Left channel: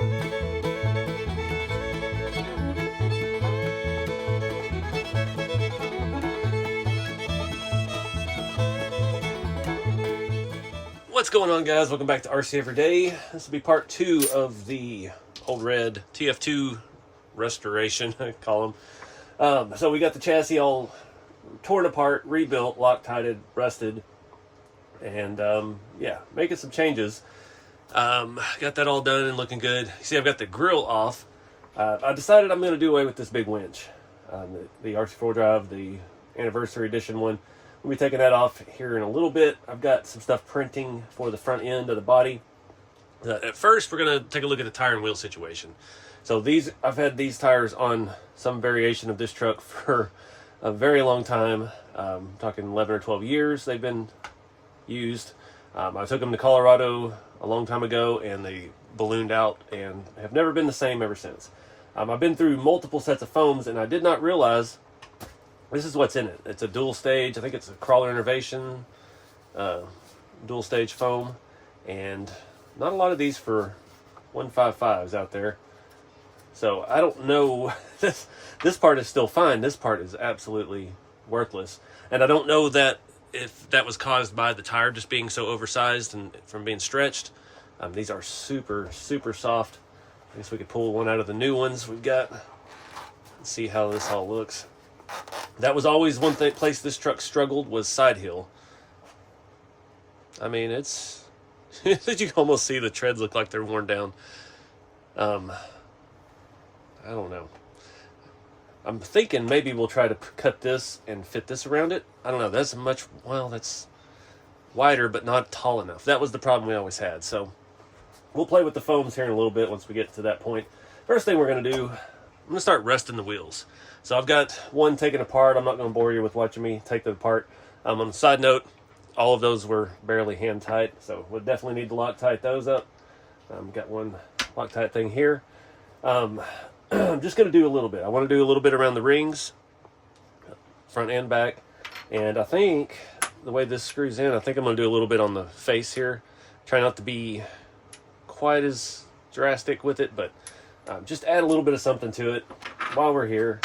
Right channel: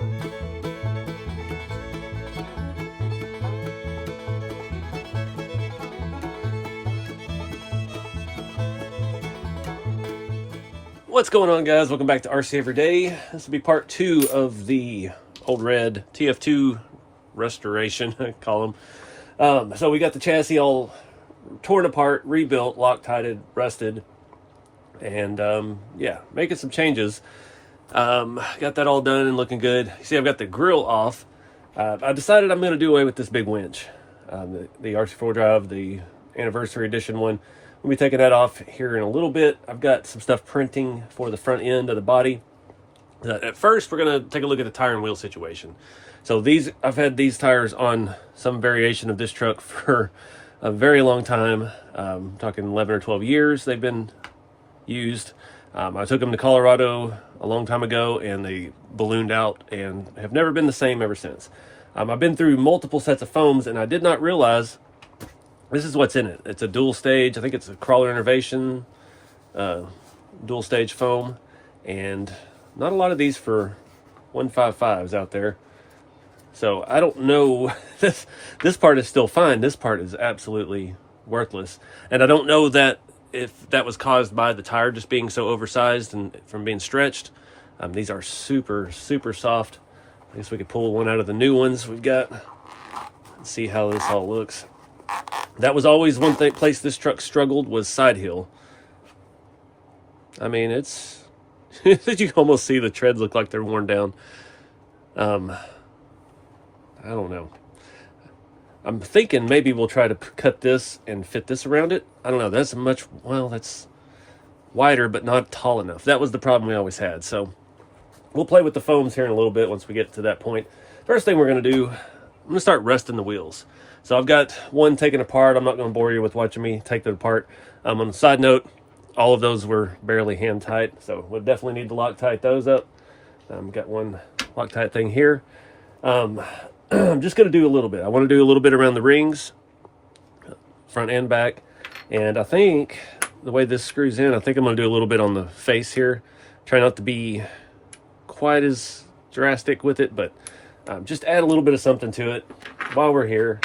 What's going on, guys? Welcome back to RC Everyday. This will be part 2 of the Old Red TF2 restoration, I call them. So we got the chassis all torn apart, rebuilt, Loctited, rusted, and yeah, making some changes. Got that all done and looking good. You see, I've got the grill off. I decided I'm going to do away with this big winch, the RC4 drive, the anniversary edition one. We'll be taking that off here in a little bit. I've got some stuff printing for the front end of the body. At first, we're going to take a look at the tire and wheel situation. So I've had these tires on some variation of this truck for a very long time. Talking 11 or 12 years they've been used. I took them to Colorado a long time ago and they ballooned out and have never been the same ever since. I've been through multiple sets of foams and I did not realize this is what's in it. It's a dual stage, I think it's a crawler innovation, dual stage foam, and not a lot of these for 155s out there. So I don't know, this part is still fine, this part is absolutely worthless. And I don't know that if that was caused by the tire just being so oversized and from being stretched. These are super, super soft. I guess we could pull one out of the new ones we've got. Let's see how this all looks. That was always one place this truck struggled, was side hill. I mean, it's you can almost see the treads look like they're worn down. I don't know. I'm thinking maybe we'll try to cut this and fit this around it. I don't know. That's that's wider, but not tall enough. That was the problem we always had. So we'll play with the foams here in a little bit once we get to that point. First thing we're going to do, I'm going to start rusting the wheels. So I've got one taken apart. I'm not going to bore you with watching me take them apart. On a side note, all of those were barely hand tight, so we'll definitely need to Loctite those up. Got one Loctite thing here. I'm just going to do a little bit. I want to do a little bit around the rings, front and back. And I think the way this screws in, I think I'm going to do a little bit on the face here. Try not to be quite as drastic with it, but just add a little bit of something to it while we're here.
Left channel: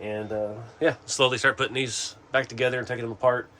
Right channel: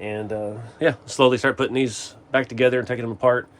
And yeah, slowly start putting these back together and taking them apart.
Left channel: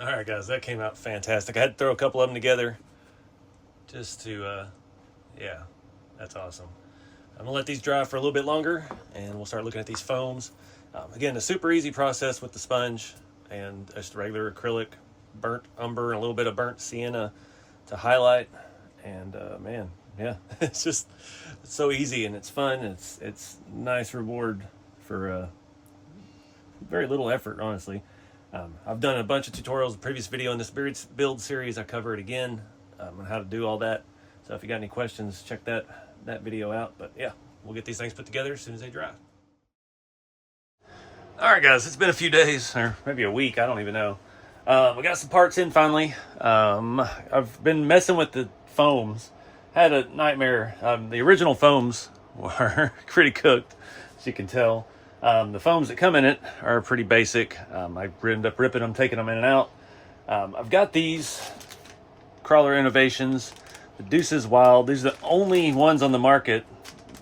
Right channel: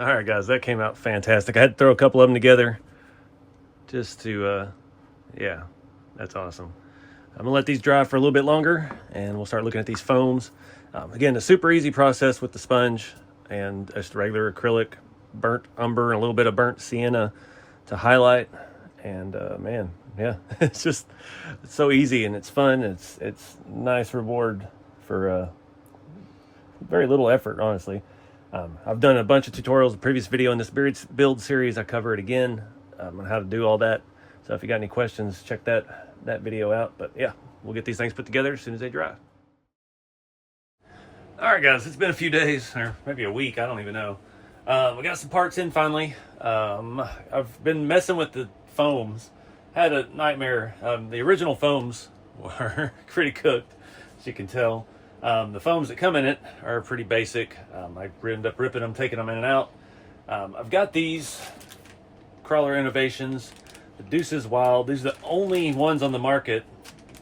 All right, guys, that came out fantastic. I had to throw a couple of them together just to, yeah, that's awesome. I'm gonna let these dry for a little bit longer and we'll start looking at these foams. Again, a super easy process with the sponge and just regular acrylic, burnt umber, and a little bit of burnt sienna to highlight. And man, yeah, it's so easy and it's fun. It's nice reward for very little effort, honestly. I've done a bunch of tutorials. The previous video in this build series, I cover it again on how to do all that. So if you got any questions, check that video out. But yeah, we'll get these things put together as soon as they dry. All right, guys, it's been a few days, or maybe a week, I don't even know. We got some parts in finally. I've been messing with the foams. Had a nightmare. The original foams were pretty cooked, as you can tell. The foams that come in it are pretty basic. I ended up ripping them, taking them in and out. I've got these Crawler Innovations, the Deuces Wild. These are the only ones on the market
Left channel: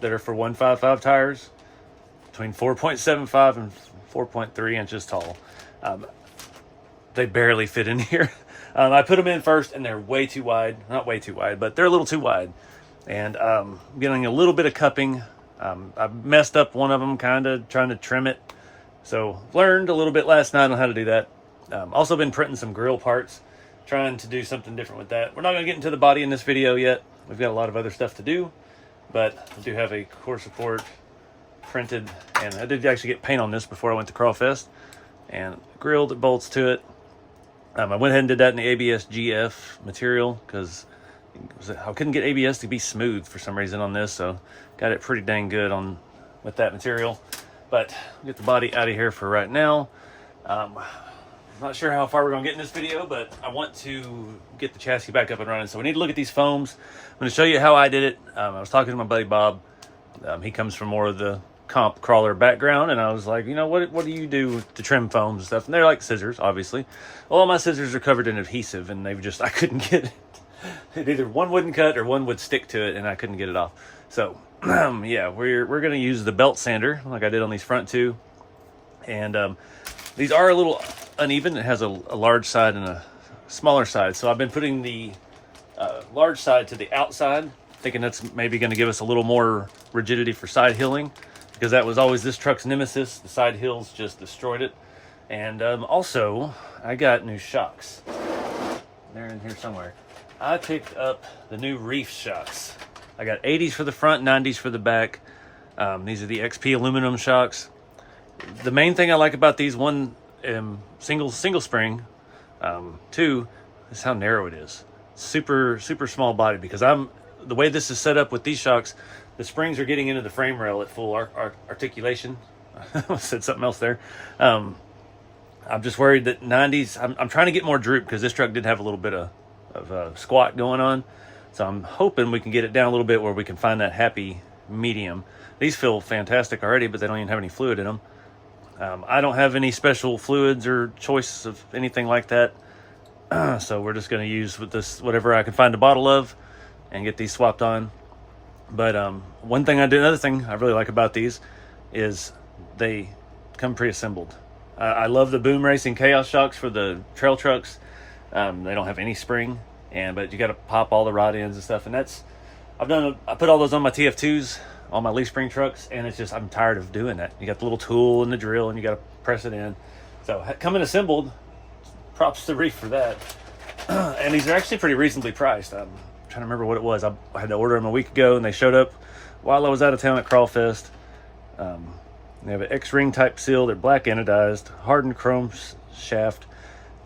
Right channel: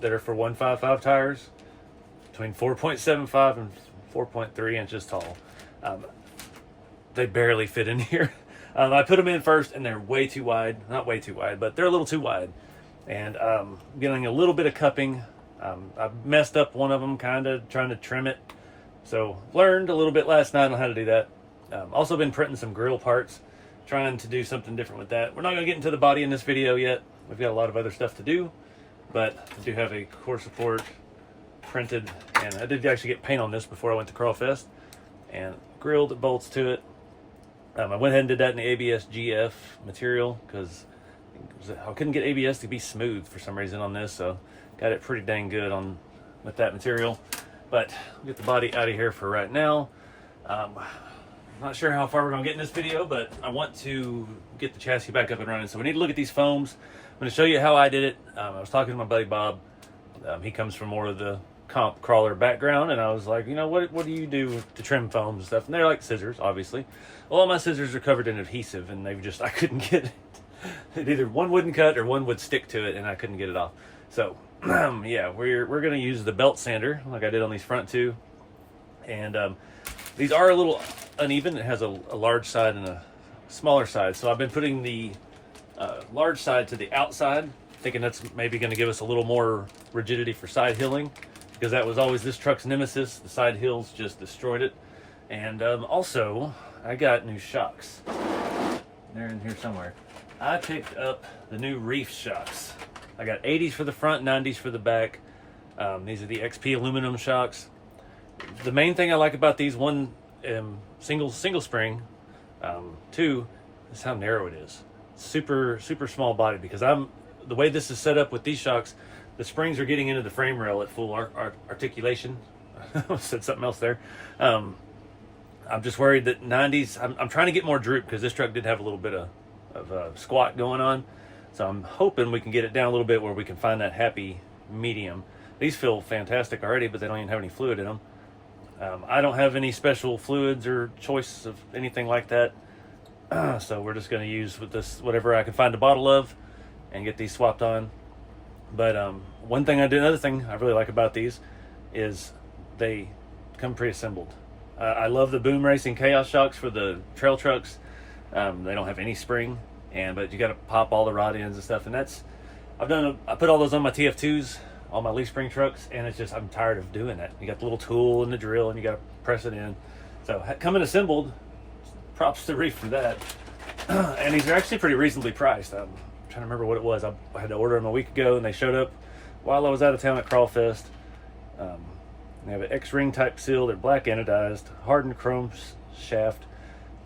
that are for 155 tires, between 4.75 and 4.3 inches tall. They barely fit in here. I put them in first and they're way too wide. Not way too wide, but they're a little too wide. And I'm getting a little bit of cupping. I messed up one of them, kind of trying to trim it. So learned a little bit last night on how to do that. Also been printing some grill parts, trying to do something different with that. We're not going to get into the body in this video yet. We've got a lot of other stuff to do, but I do have a core support printed, and I did actually get paint on this before I went to Crawfest, and grilled bolts to it. I went ahead and did that in the ABS GF material because I couldn't get ABS to be smooth for some reason on this, so got it pretty dang good with that material. But I'll get the body out of here for right now. I'm not sure how far we're gonna get in this video, but I want to get the chassis back up and running. So we need to look at these foams. I'm gonna show you how I did it. I was talking to my buddy Bob. He comes from more of the comp crawler background, and I was like, you know, what do you do to trim foams and stuff? And they're like scissors, obviously. All my scissors are covered in adhesive, and I couldn't get it. Either one wouldn't cut or one would stick to it, and I couldn't get it off. So yeah, we're gonna use the belt sander like I did on these front two. And these are a little uneven. It has a large side and a smaller side, so I've been putting the large side to the outside, thinking that's maybe going to give us a little more rigidity for side hilling, because that was always this truck's nemesis. The side hills just destroyed it. And also, I got new shocks. They're in here somewhere. I picked up the new Reefs shocks. I got 80s for the front, 90s for the back. These are the XP aluminum shocks. The main thing I like about these, one, single spring, two, is how narrow it is. Super small body, because the way this is set up with these shocks, the springs are getting into the frame rail at full articulation. I said something else there. I'm just worried that 90s, I'm trying to get more droop, because this truck did have a little bit of squat going on. So I'm hoping we can get it down a little bit where we can find that happy medium. These feel fantastic already, but they don't even have any fluid in them. I don't have any special fluids or choice of anything like that. So we're just going to use with this whatever I can find a bottle of and get these swapped on. But another thing I really like about these is they come pre-assembled. I love the Boom Racing Chaos shocks for the trail trucks. They don't have any spring, but you got to pop all the rod ends and stuff. And I put all those on my TF2s, on my leaf spring trucks, and it's just, I'm tired of doing that. You got the little tool and the drill, and you got to press it in. So coming assembled, props to Reef for that. And these are actually pretty reasonably priced. I'm trying to remember what it was. I had to order them a week ago, and they showed up while I was out of town at Crawfest. They have an X-ring type seal. They're black anodized, hardened chrome shaft,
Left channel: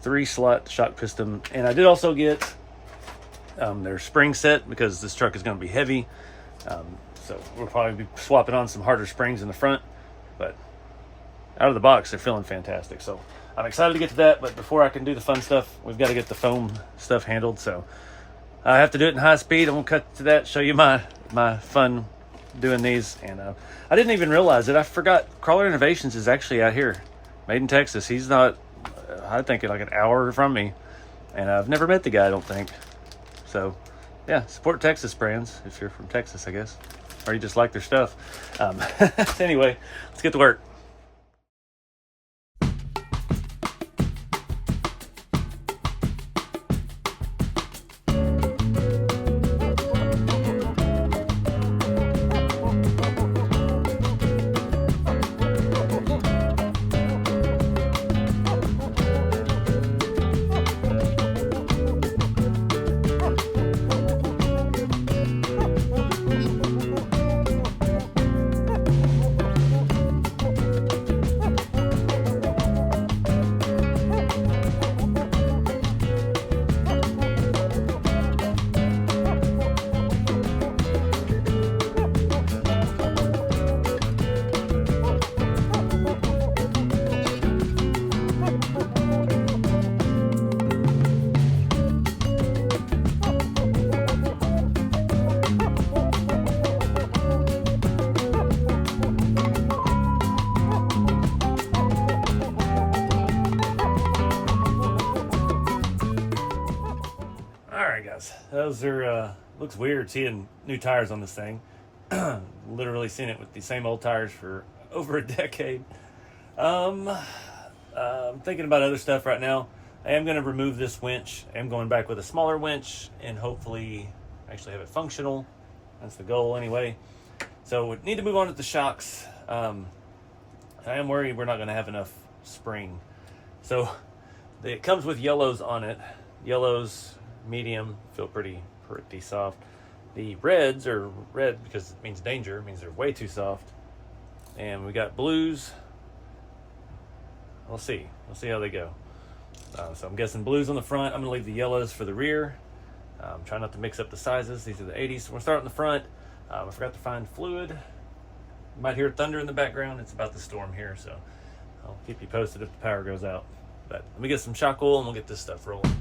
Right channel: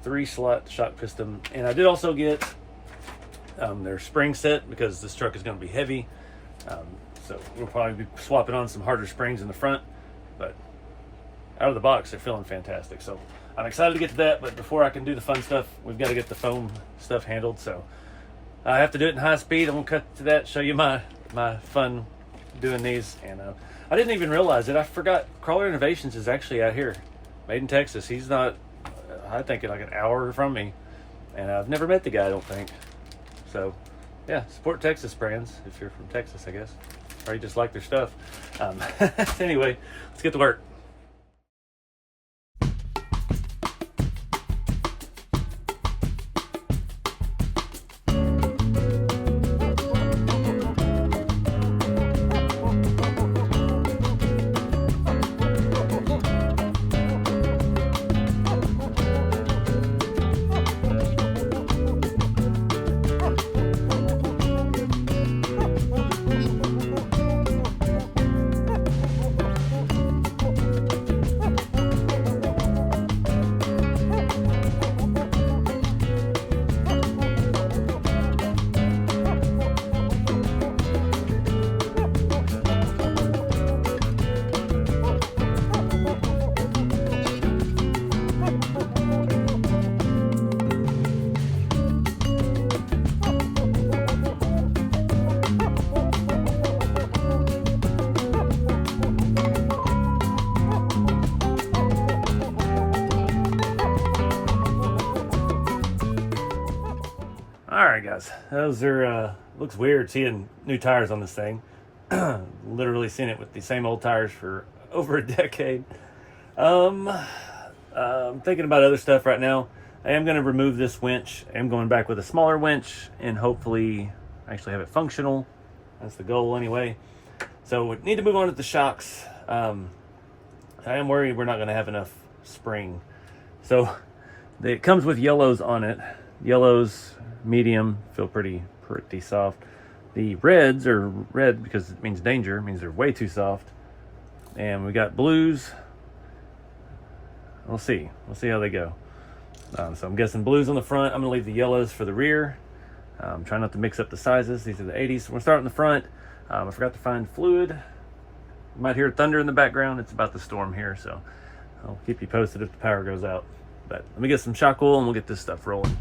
3-slot shock piston. And I did also get their spring set, because this truck is going to be heavy. So we'll probably be swapping on some harder springs in the front, but out of the box, they're feeling fantastic. So I'm excited to get to that, but before I can do the fun stuff, we've got to get the foam stuff handled. So I have to do it in high speed. I'm gonna cut to that, show you my fun doing these. And I didn't even realize it. I forgot Crawler Innovations is actually out here, made in Texas. He's not, I think, like an hour from me, and I've never met the guy, I don't think. So yeah, support Texas brands if you're from Texas, I guess, or you just like their stuff. Anyway, let's get to work. guys, those are looks weird seeing new tires on this thing. Literally seen it with the same old tires for over a decade. I'm thinking about other stuff right now. I am going to remove this winch. I'm going back with a smaller winch and hopefully actually have it functional. That's the goal anyway. So we need to move on to the shocks. I am worried we're not going to have enough spring. So it comes with yellows on it. Yellows, medium, feel pretty soft. The reds are red because it means danger. It means they're way too soft. And we got blues. We'll see how they go. So I'm guessing blues on the front. I'm gonna leave the yellows for the rear. Try not to mix up the sizes. These are the 80s. So we're starting in the front. I forgot to find fluid. You might hear thunder in the background. It's about the storm here, so I'll keep you posted if the power goes out. But let me get some shock oil and we'll get this stuff rolling.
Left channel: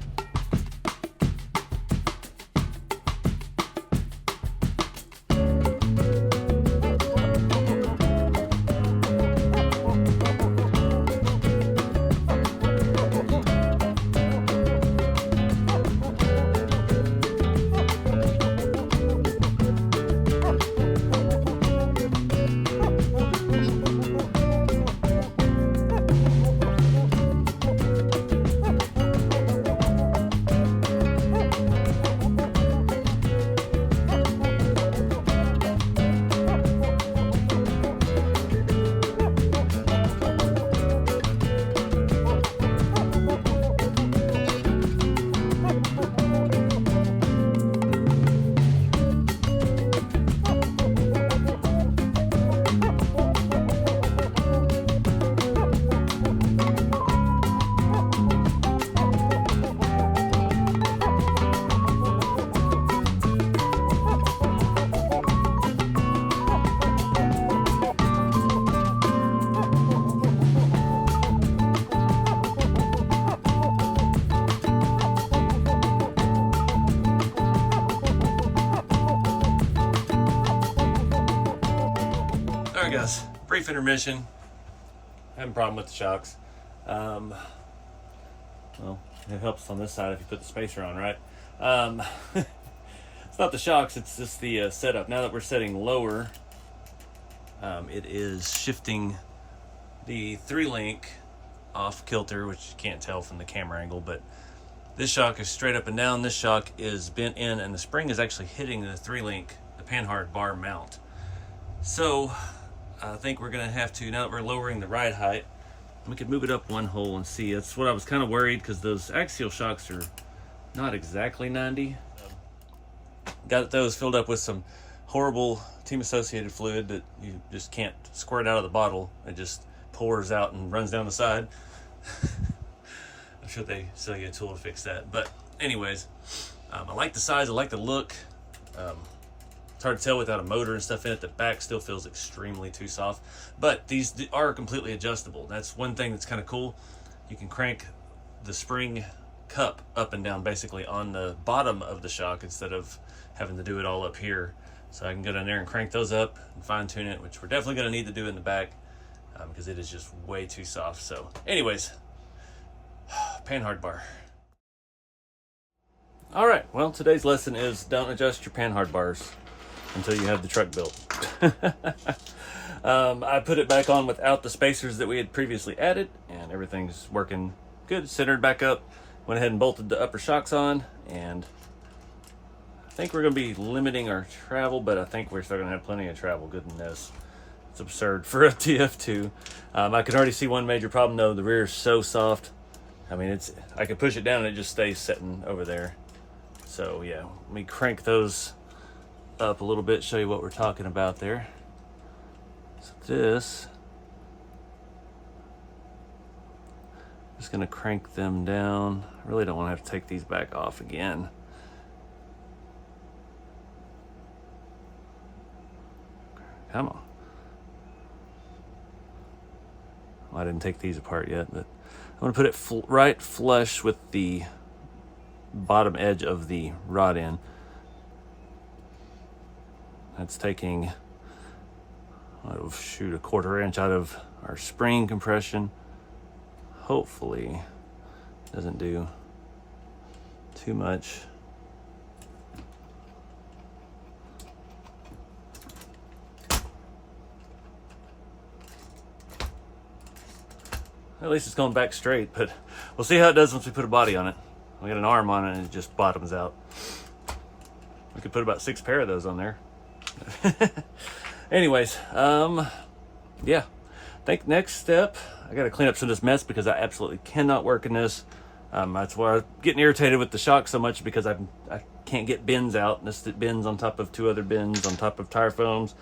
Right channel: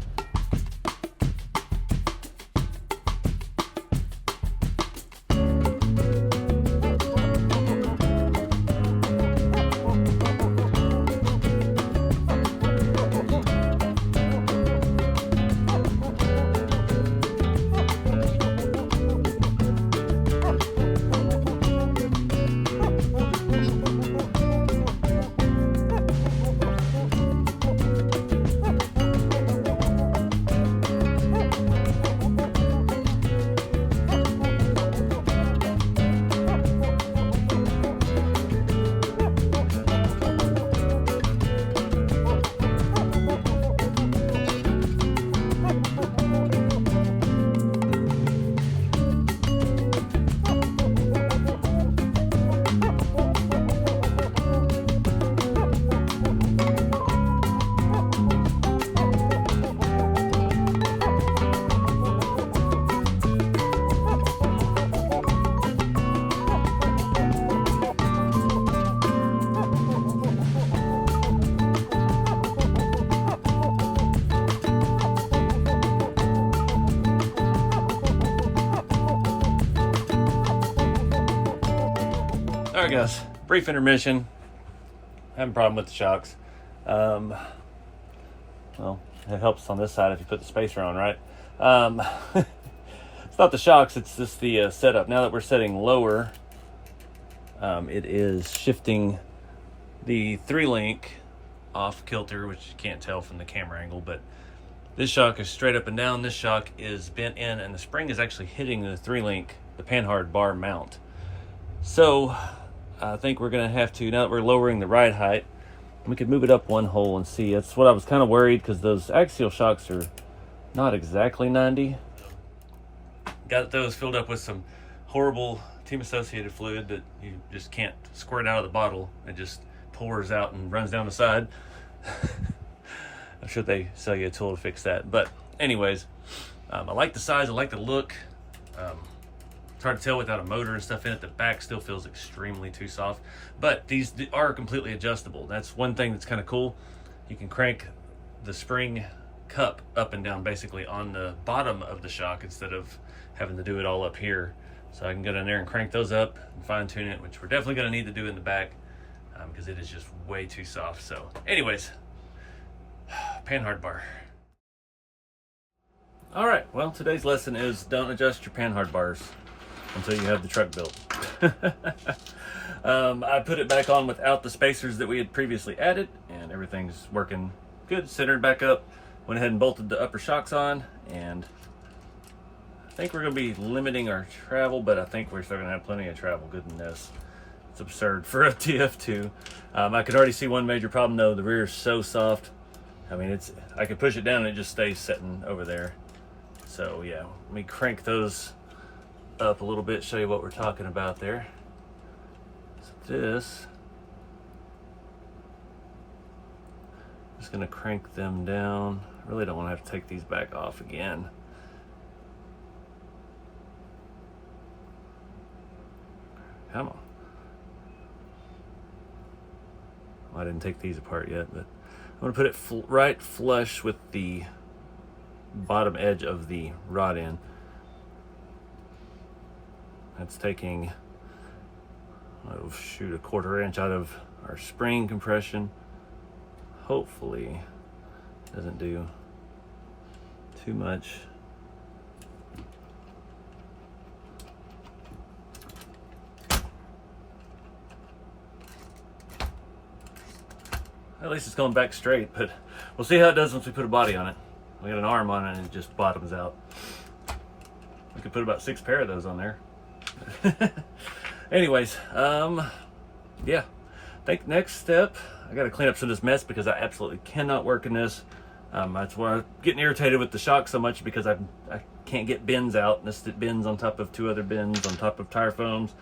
Alright guys, brief intermission. Having a problem with the shocks. Well, it helps on this side if you put the spacer on, right? It's not the shocks, it's just the setup. Now that we're setting lower, it is shifting the 3-link off kilter, which you can't tell from the camera angle, but this shock is straight up and down. This shock is bent in, and the spring is actually hitting the 3-link, the panhard bar mount. So I think we're gonna have to, now that we're lowering the ride height, we could move it up one hole and see. That's what I was kind of worried, because those axial shocks are not exactly 90. Got those filled up with some horrible team associated fluid that you just can't squirt out of the bottle. It just pours out and runs down the side. I'm sure they sell you a tool to fix that. But anyways, I like the size, I like the look. It's hard to tell without a motor and stuff in it. The back still feels extremely too soft, but these are completely adjustable. That's one thing that's kind of cool. You can crank the spring cup up and down basically on the bottom of the shock instead of having to do it all up here. So I can go down there and crank those up and fine tune it, which we're definitely going to need to do in the back because it is just way too soft. So anyways, panhard bar. All right, well, today's lesson is don't adjust your panhard bars until you have the truck built. I put it back on without the spacers that we had previously added, and everything's working good, centered back up. Went ahead and bolted the upper shocks on, and I think we're gonna be limiting our travel, but I think we're still gonna have plenty of travel. Goodness, it's absurd for a TF2. I could already see one major problem though. The rear is so soft. I mean, I can push it down and it just stays sitting over there. So yeah, let me crank those up a little bit, show you what we're talking about there. So this, I'm just gonna crank them down. I really don't want to have to take these back off again. Come on. I didn't take these apart yet, but I'm gonna put it right flush with the bottom edge of the rod end. That's taking, oh shoot, a 1/4 inch out of our spring compression. Hopefully doesn't do too much. At least it's going back straight, but we'll see how it does once we put a body on it. We got an arm on it and it just bottoms out. We could put about 6 pair of those on there. Anyways, yeah. I think next step, I got to clean up some of this mess because I absolutely cannot work in this. That's why I'm getting irritated with the shock so much, because I can't get bins out. This bins on top of 2 other bins on top of tire foams.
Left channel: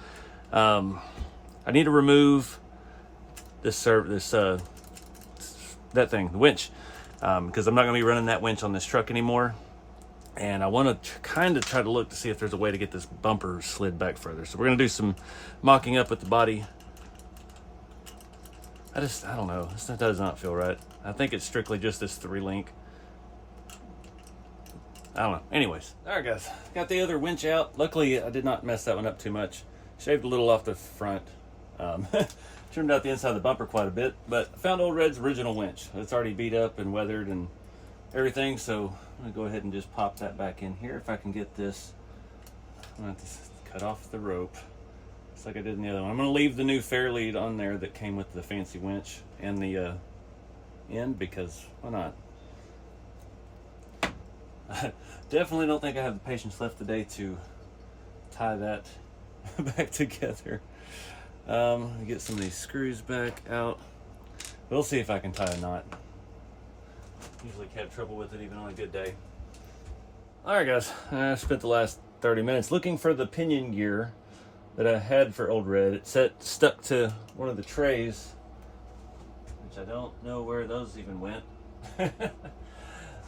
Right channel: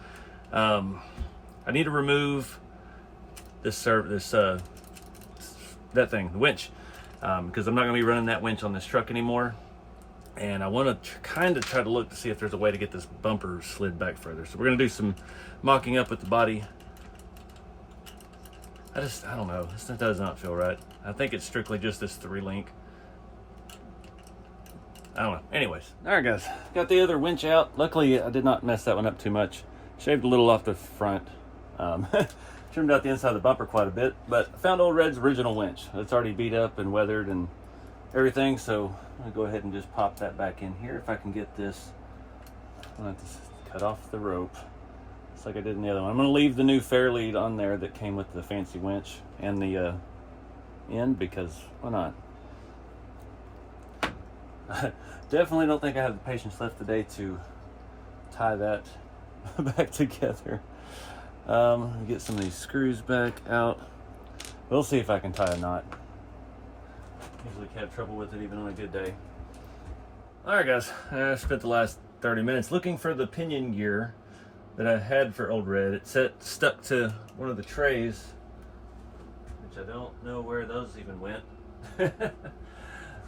I need to remove that thing, the winch, because I'm not going to be running that winch on this truck anymore. And I want to kind of try to look to see if there's a way to get this bumper slid back further. So we're going to do some mocking up with the body. I don't know. This does not feel right. I think it's strictly just this 3-link. I don't know. Anyways, all right, guys. Got the other winch out. Luckily, I did not mess that one up too much. Shaved a little off the front. Trimmed out the inside of the bumper quite a bit. But I found Old Red's original winch. It's already beat up and weathered and everything. So I'm going to go ahead and just pop that back in here. If I can get this, I'm going to have to cut off the rope. Just like I did in the other one. I'm going to leave the new Fairlead on there that came with the fancy winch and the end, because why not? I definitely don't think I have the patience left today to tie that back together. Get some of these screws back out. We'll see if I can tie a knot. Usually have trouble with it even on a good day. Alright guys, I spent the last 30 minutes looking for the pinion gear that I had for Old Red. It stuck to one of the trays, which I don't know where those even went.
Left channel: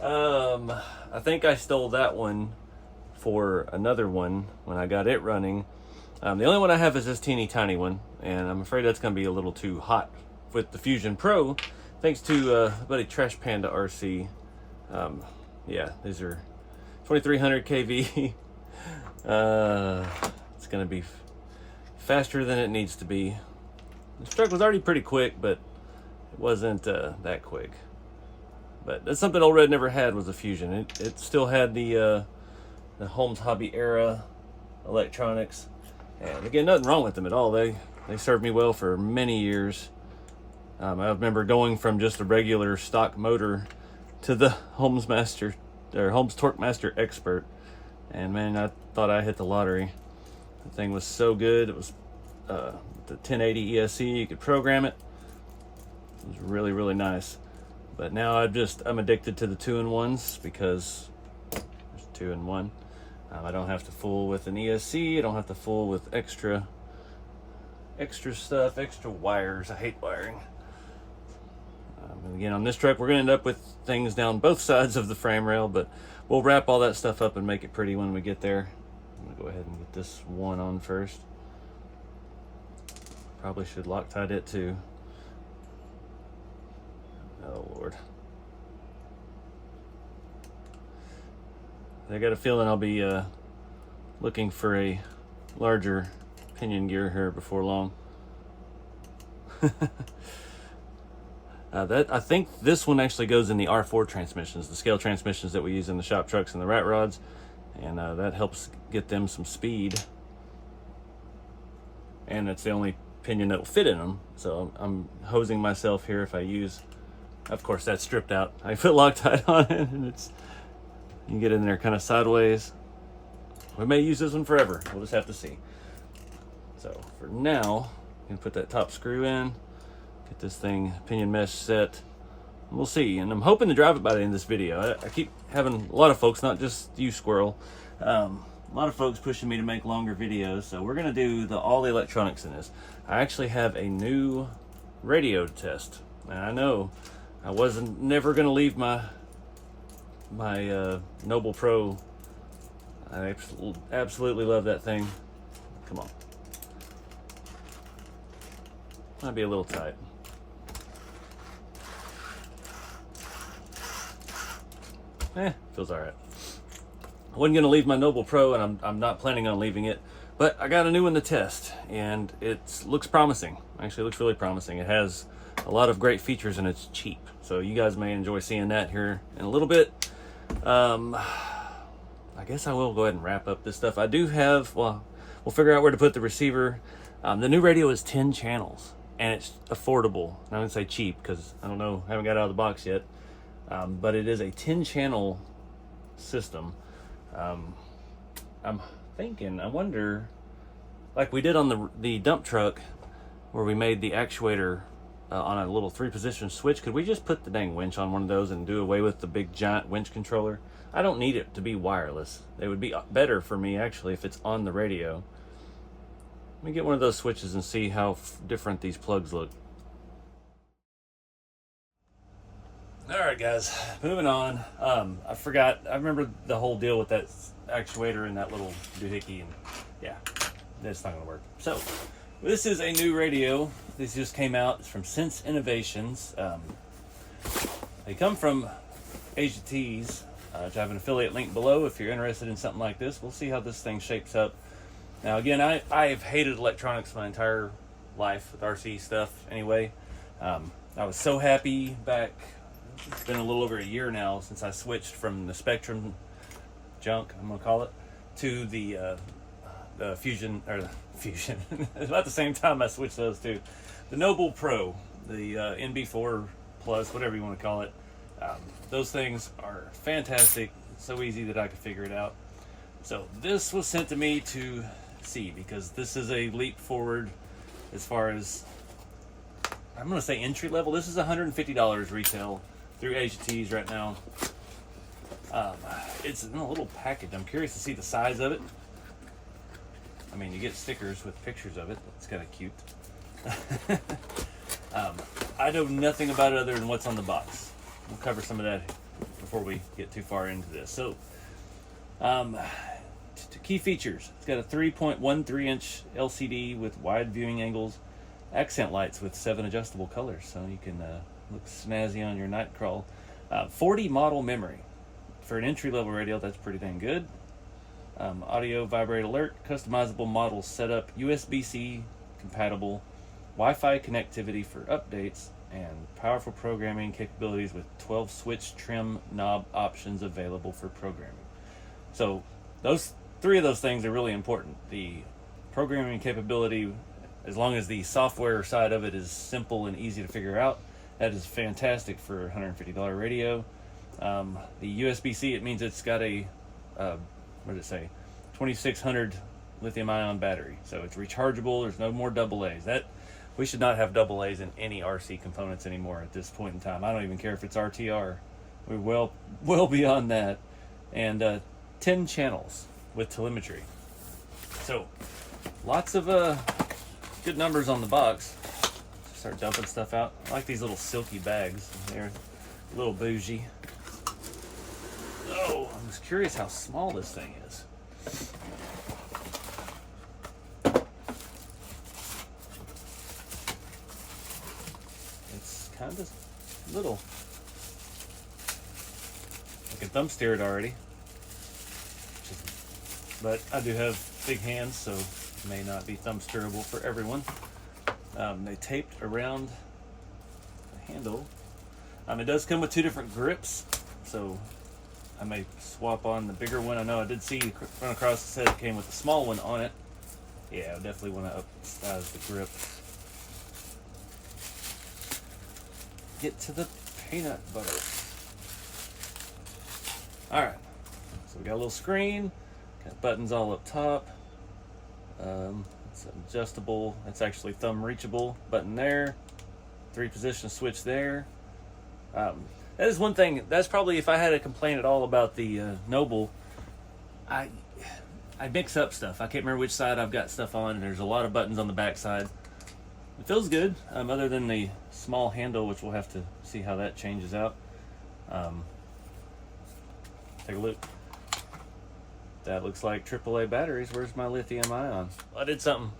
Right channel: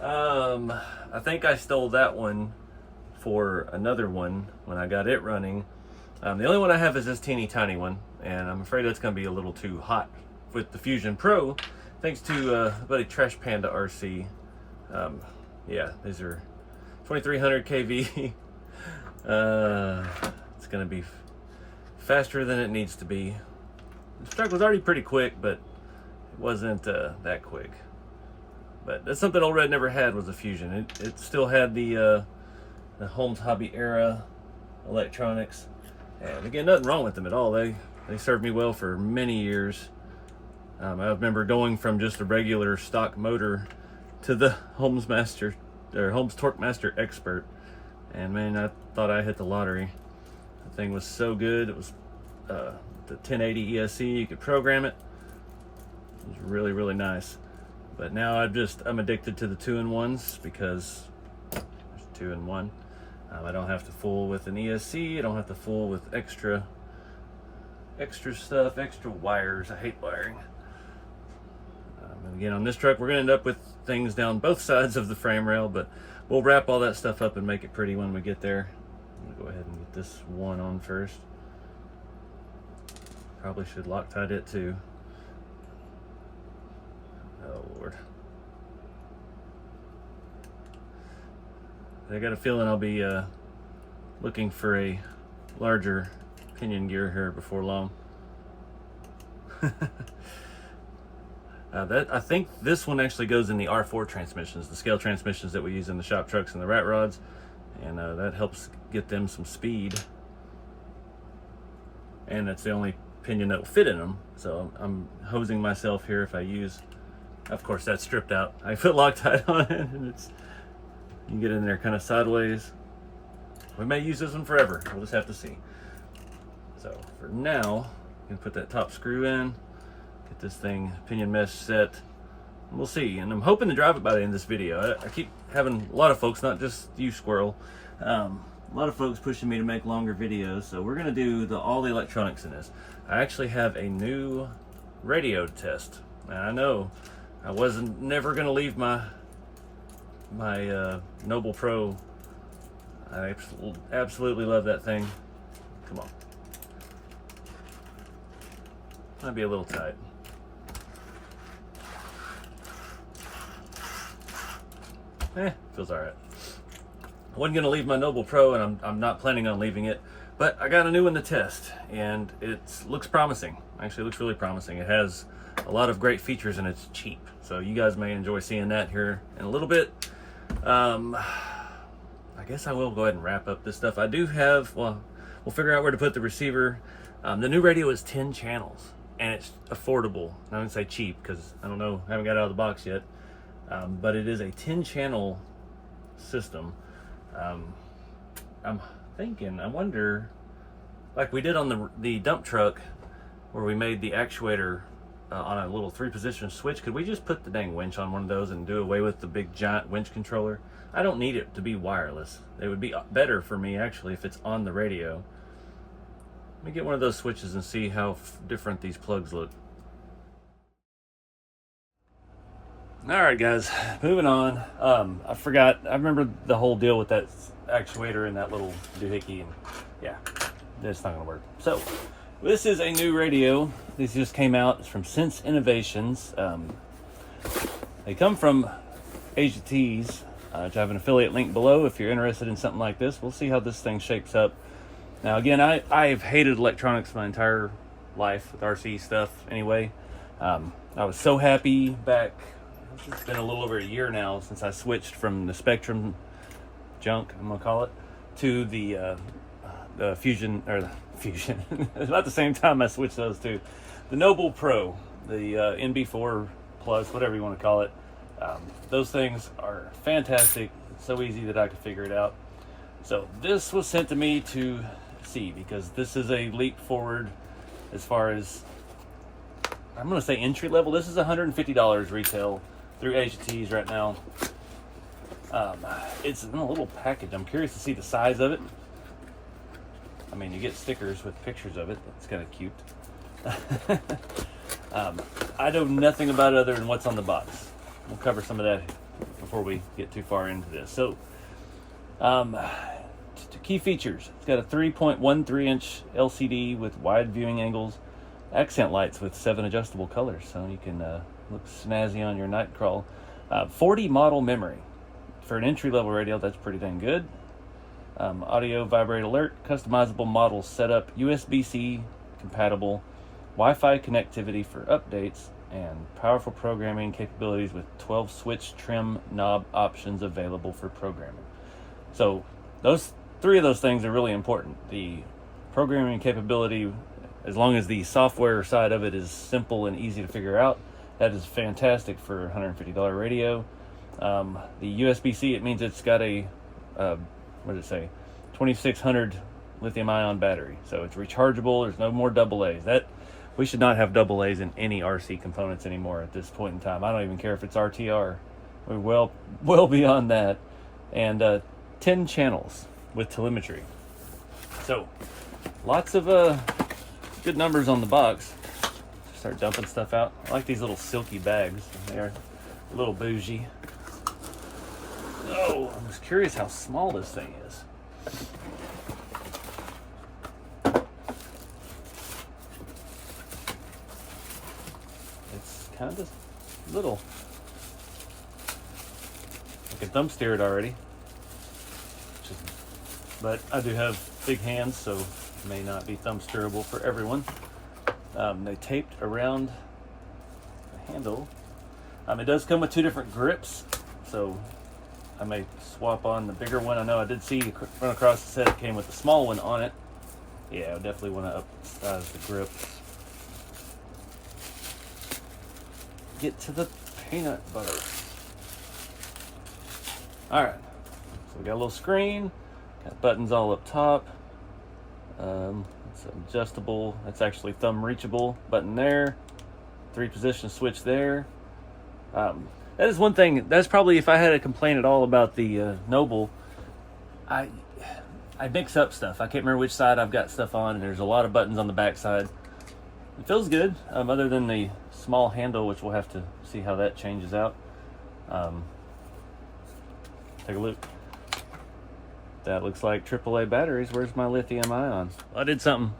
I think I stole that one for another one when I got it running. The only one I have is this teeny tiny one, and I'm afraid that's going to be a little too hot with the Fusion Pro, thanks to buddy Trash Panda RC. Yeah, these are 2300 kV. It's going to be faster than it needs to be. This truck was already pretty quick, but it wasn't that quick. But that's something Old Red never had, was a Fusion. It still had the Holmes Hobby era electronics. And again, nothing wrong with them at all. They served me well for many years. I remember going from just a regular stock motor to the Holmes Torque Master Expert, and man, I thought I hit the lottery. The thing was so good. It was the 1080 ESC. You could program it. It was really, really nice. But now I'm addicted to the 2-in-1s, because there's 2-in-1. I don't have to fool with an ESC. I don't have to fool with extra stuff, extra wires. I hate wiring. And again, on this truck, we're going to end up with things down both sides of the frame rail, but we'll wrap all that stuff up and make it pretty when we get there. I'm going to go ahead and get this one on first. Probably should Loctite it too. Oh Lord. I got a feeling I'll be looking for a larger pinion gear here before long. I think this one actually goes in the R4 transmissions, the scale transmissions that we use in the shop trucks and the rat rods, and that helps get them some speed. And it's the only pinion that will fit in them, so I'm hosing myself here if I use. Of course, that's stripped out. I put Loctite on it, and you can get in there kind of sideways. We may use this one forever. We'll just have to see. So for now, you can put that top screw in, get this thing pinion mesh set. We'll see, and I'm hoping to drive it by the end of this video. I keep having a lot of folks, not just you, Squirrel, a lot of folks pushing me to make longer videos. So we're gonna do all the electronics in this. I actually have a new radio test. Now, I know I wasn't never gonna leave my Noble Pro. I absolutely love that thing. Come on. Might be a little tight. Feels all right. I wasn't gonna leave my Noble Pro, and I'm not planning on leaving it, but I got a new one to test, and it looks promising. Actually, looks really promising. It has a lot of great features, and it's cheap. So you guys may enjoy seeing that here in a little bit. I guess I will go ahead and wrap up this stuff. I do have, well, we'll figure out where to put the receiver. The new radio is 10 channels, and it's affordable. I wouldn't say cheap because I don't know, I haven't got it out of the box yet. But it is a 10-channel system. I'm thinking, I wonder, like we did on the dump truck where we made the actuator on a little 3-position switch, could we just put the dang winch on one of those and do away with the big giant winch controller? I don't need it to be wireless. It would be better for me actually if it's on the radio. Let me get one of those switches and see how different these plugs look. Alright guys, moving on. I forgot, I remember the whole deal with that actuator and that little doohickey, and yeah, that's not gonna work. So, this is a new radio. This just came out. It's from Sense Innovations. They come from AGTs, which I have an affiliate link below if you're interested in something like this. We'll see how this thing shapes up. Now again, I've hated electronics my entire life with RC stuff anyway. I was so happy back, it's been a little over a year now since I switched from the Spectrum junk, I'm gonna call it, to the Fusion, or the Fusion. It's about the same time I switched those two. The Noble Pro, the NB4 Plus, whatever you want to call it. Those things are fantastic. It's so easy that I could figure it out. So this was sent to me to see, because this is a leap forward as far as, I'm going to say entry level. This is $150 retail through AGTs right now. It's in a little package. I'm curious to see the size of it. I mean, you get stickers with pictures of it. That's kind of cute. I know nothing about it other than what's on the box. We'll cover some of that before we get too far into this. So, key features. It's got a 3.13-inch LCD with wide viewing angles, accent lights with 7 adjustable colors, so you can look snazzy on your night crawl. 40 model memory. For an entry-level radio, that's pretty dang good. Audio vibrate alert, customizable model setup, USB-C compatible, Wi-Fi connectivity for updates, and powerful programming capabilities with 12 switch trim knob options available for programming. So those 3 of those things are really important. The programming capability, as long as the software side of it is simple and easy to figure out, that is fantastic for a $150 radio. The USB-C, it means it's got a what did it say, 2600 lithium-ion battery, so it's rechargeable. There's no more AA's. That we should not have AA's in any RC components anymore at this point in time. I don't even care if it's RTR. We're well beyond that. And 10 channels with telemetry. So lots of good numbers on the box. Start dumping stuff out. I like these little silky bags. They're a little bougie. Oh, I was curious how small this thing is. It's kind of little. I can thumb steer it already. But I do have big hands, so it may not be thumb steerable for everyone. They taped around the handle. It does come with 2 different grips, so I may swap on the bigger one. I know I did see run across the set it came with the small one on it. Yeah, I definitely want to upsize the grip. Get to the peanut butter. Alright, so we got a little screen, got buttons all up top. It's adjustable, that's actually thumb reachable button there, 3-position switch there. That is one thing, that's probably, if I had a complaint at all about the Noble, I mix up stuff. I can't remember which side I've got stuff on, and there's a lot of buttons on the back side. It feels good, other than the small handle, which we'll have to see how that changes out. Take a look. That looks like AAA batteries. Where's my lithium ion? I did something.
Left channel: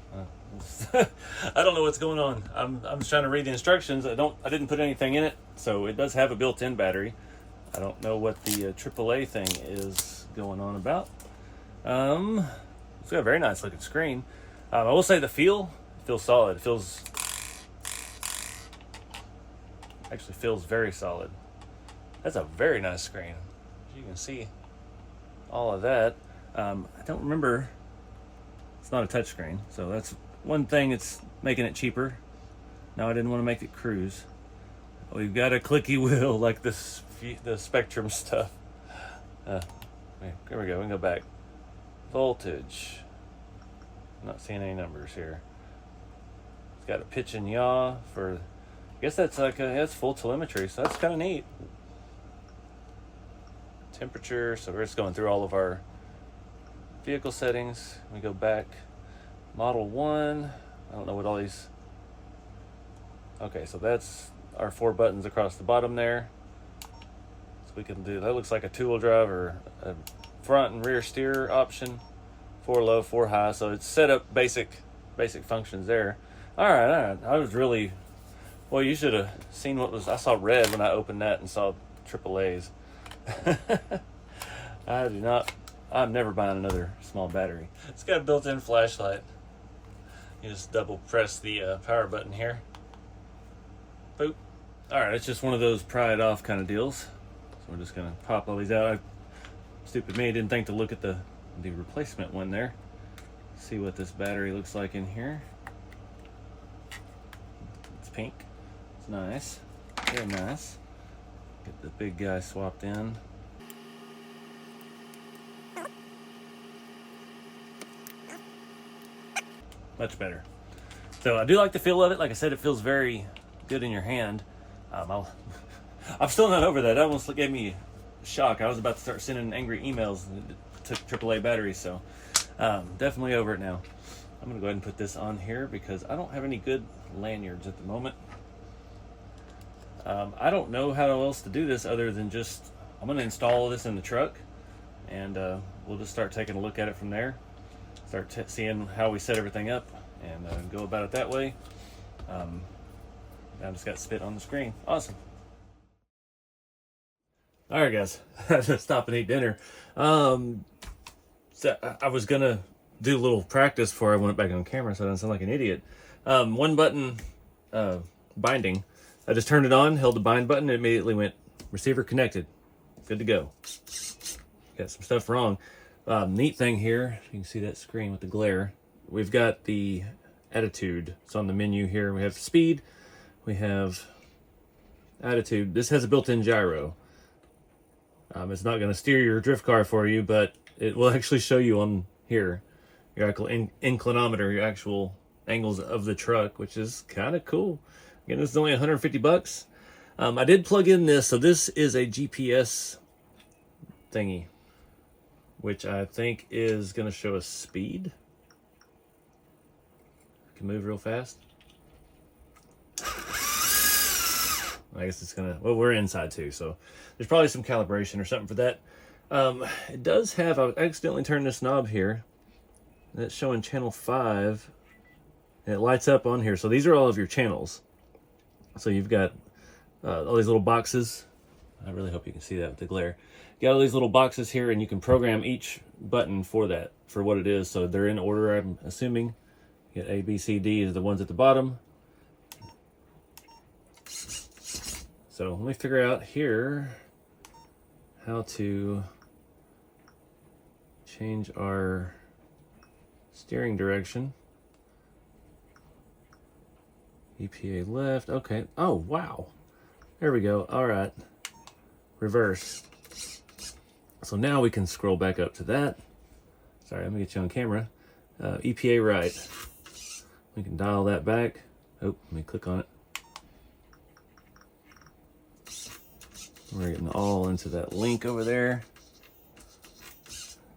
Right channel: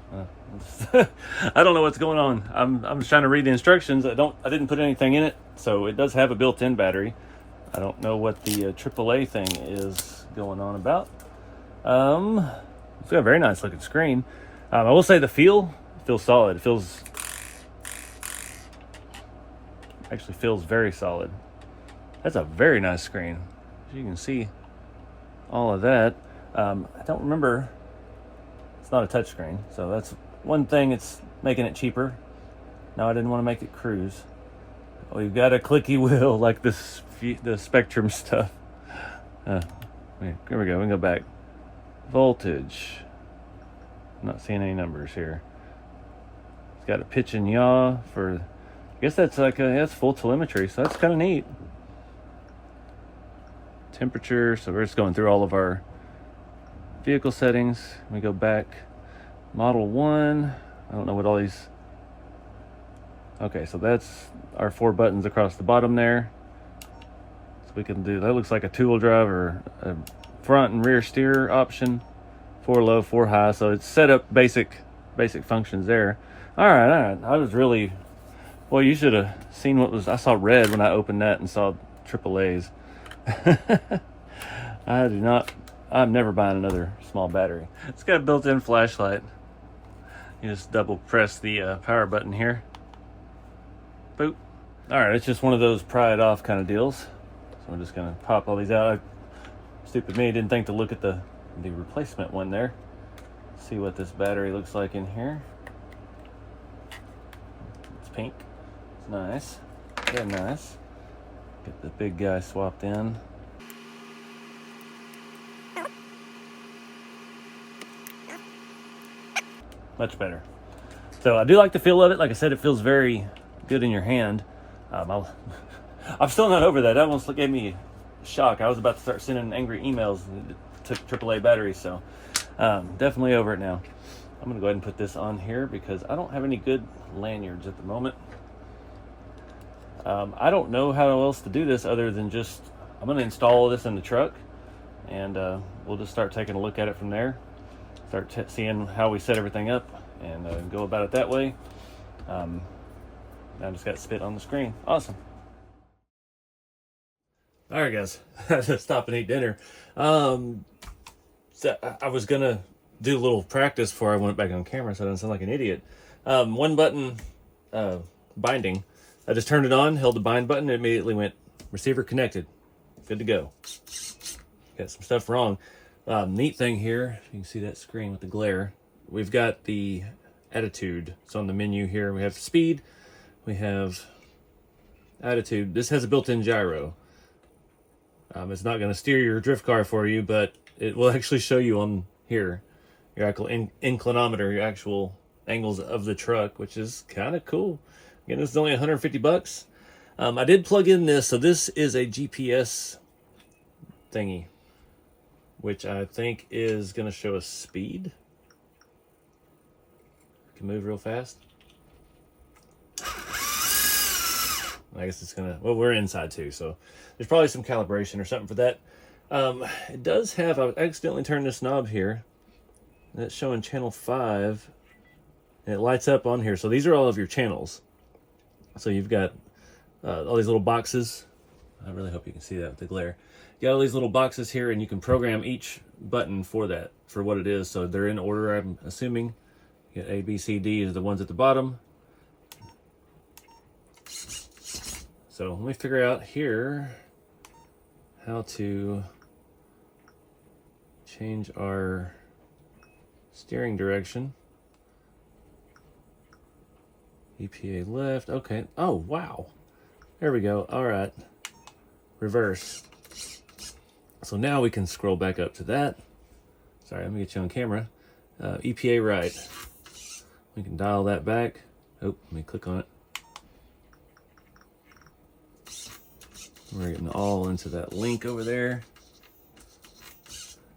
I don't know what's going on. I'm just trying to read the instructions. I didn't put anything in it, so it does have a built-in battery. I don't know what the AAA thing is going on about. It's got a very nice looking screen. I will say the feels solid. It actually feels very solid. That's a very nice screen. As you can see all of that. I don't remember, it's not a touchscreen, so that's one thing that's making it cheaper. No, I didn't want to make it cruise. We've got a clicky wheel like this, the Spectrum stuff. Here we go. We can go back. Voltage. I'm not seeing any numbers here. It's got a pitch and yaw for. I guess that's like that's full telemetry, so that's kind of neat. Temperature. So we're just going through all of our vehicle settings. We go back. Model 1. I don't know what all these. Okay, so that's our 4 buttons across the bottom there. So we can do that. Looks like a 2-wheel drive or a front and rear steer option. 4 low, 4 high. So it's set up basic functions there. All right. I was really, well, you should have seen what was. I saw red when I opened that and saw AAA's. I'm never buying another small battery. It's got a built-in flashlight. You just double press the power button here. Boop. All right, it's just one of those pry it off kind of deals. So I'm just gonna pop all these out. Stupid me, didn't think to look at the replacement one there. See what this battery looks like in here. It's pink. It's nice. Very nice. Get the big guy swapped in. Much better. So I do like the feel of it. Like I said, it feels very good in your hand. I'm still not over that. That almost gave me a shock. I was about to start sending angry emails to AAA batteries, so definitely over it now. I'm gonna go ahead and put this on here because I don't have any good lanyards at the moment. I don't know how else to do this other than just, I'm gonna install this in the truck and we'll just start taking a look at it from there. Start seeing how we set everything up and go about it that way. I just got spit on the screen. Awesome. All right, guys. I had to stop and eat dinner. So I was gonna do a little practice before I went back on camera, so I don't sound like an idiot. 1 button binding. I just turned it on, held the bind button, and immediately went receiver connected. Good to go. Got some stuff wrong. Neat thing here, you can see that screen with the glare. We've got the attitude. It's on the menu here. We have speed. We have attitude. This has a built-in gyro. It's not going to steer your drift car for you, but it will actually show you on here your actual inclinometer, your actual angles of the truck, which is kind of cool. Again, this is only 150 bucks. I did plug in this, so this is a GPS thingy, which I think is going to show us speed. Can move real fast. I guess it's gonna, well, we're inside too, so there's probably some calibration or something for that. It does have, I accidentally turned this knob here. That's showing channel 5. And it lights up on here. So these are all of your channels. So you've got all these little boxes. I really hope you can see that with the glare. You got all these little boxes here, and you can program each button for that, for what it is. So they're in order, I'm assuming. You got A, B, C, D is the ones at the bottom. So let me figure out here how to change our steering direction. EPA left. Okay. Oh, wow. There we go. All right. Reverse. So now we can scroll back up to that. Sorry, let me get you on camera. EPA right. We can dial that back. Oh, let me click on it. We're getting all into that link over there.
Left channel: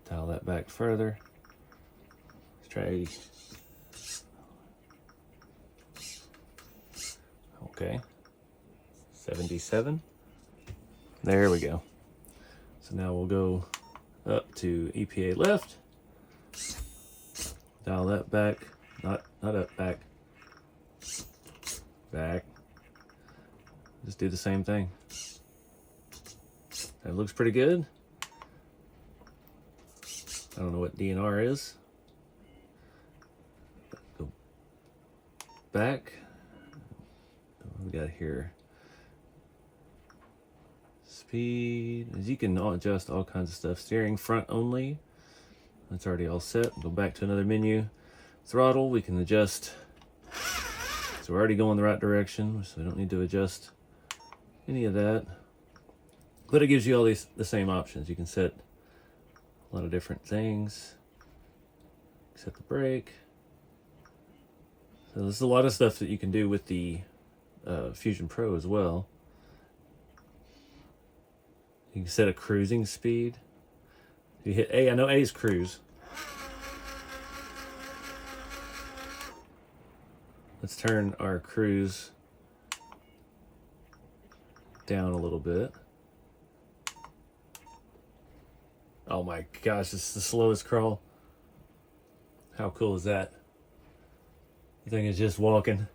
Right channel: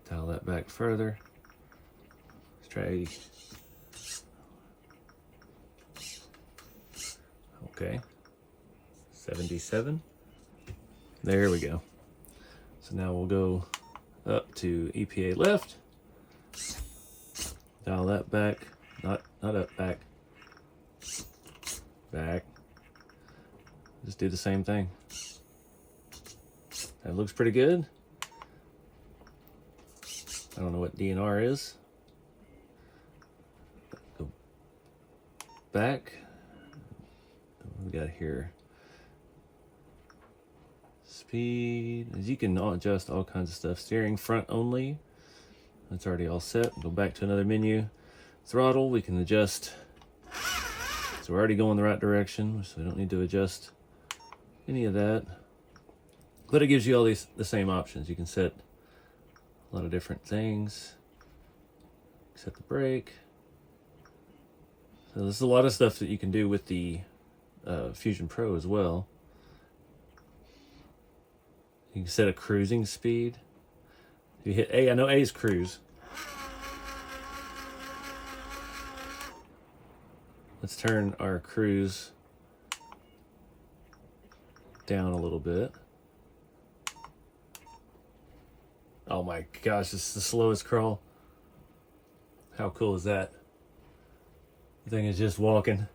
Dial that back further. Let's try 80. Okay. 77. There we go. So now we'll go up to EPA left. Dial that back. Not up, back. Back. Just do the same thing. That looks pretty good. I don't know what DNR is. Go back. What we got here? Speed. As you can adjust all kinds of stuff. Steering front only. That's already all set. Go back to another menu. Throttle. We can adjust So we're already going the right direction, so we don't need to adjust any of that. But it gives you all the same options. You can set a lot of different things. Set the brake. So there's a lot of stuff that you can do with the Fusion Pro as well. You can set a cruising speed. You hit A, I know A is cruise. Let's turn our cruise down a little bit. Oh my gosh, this is the slowest crawl. How cool is that? The thing is just walking.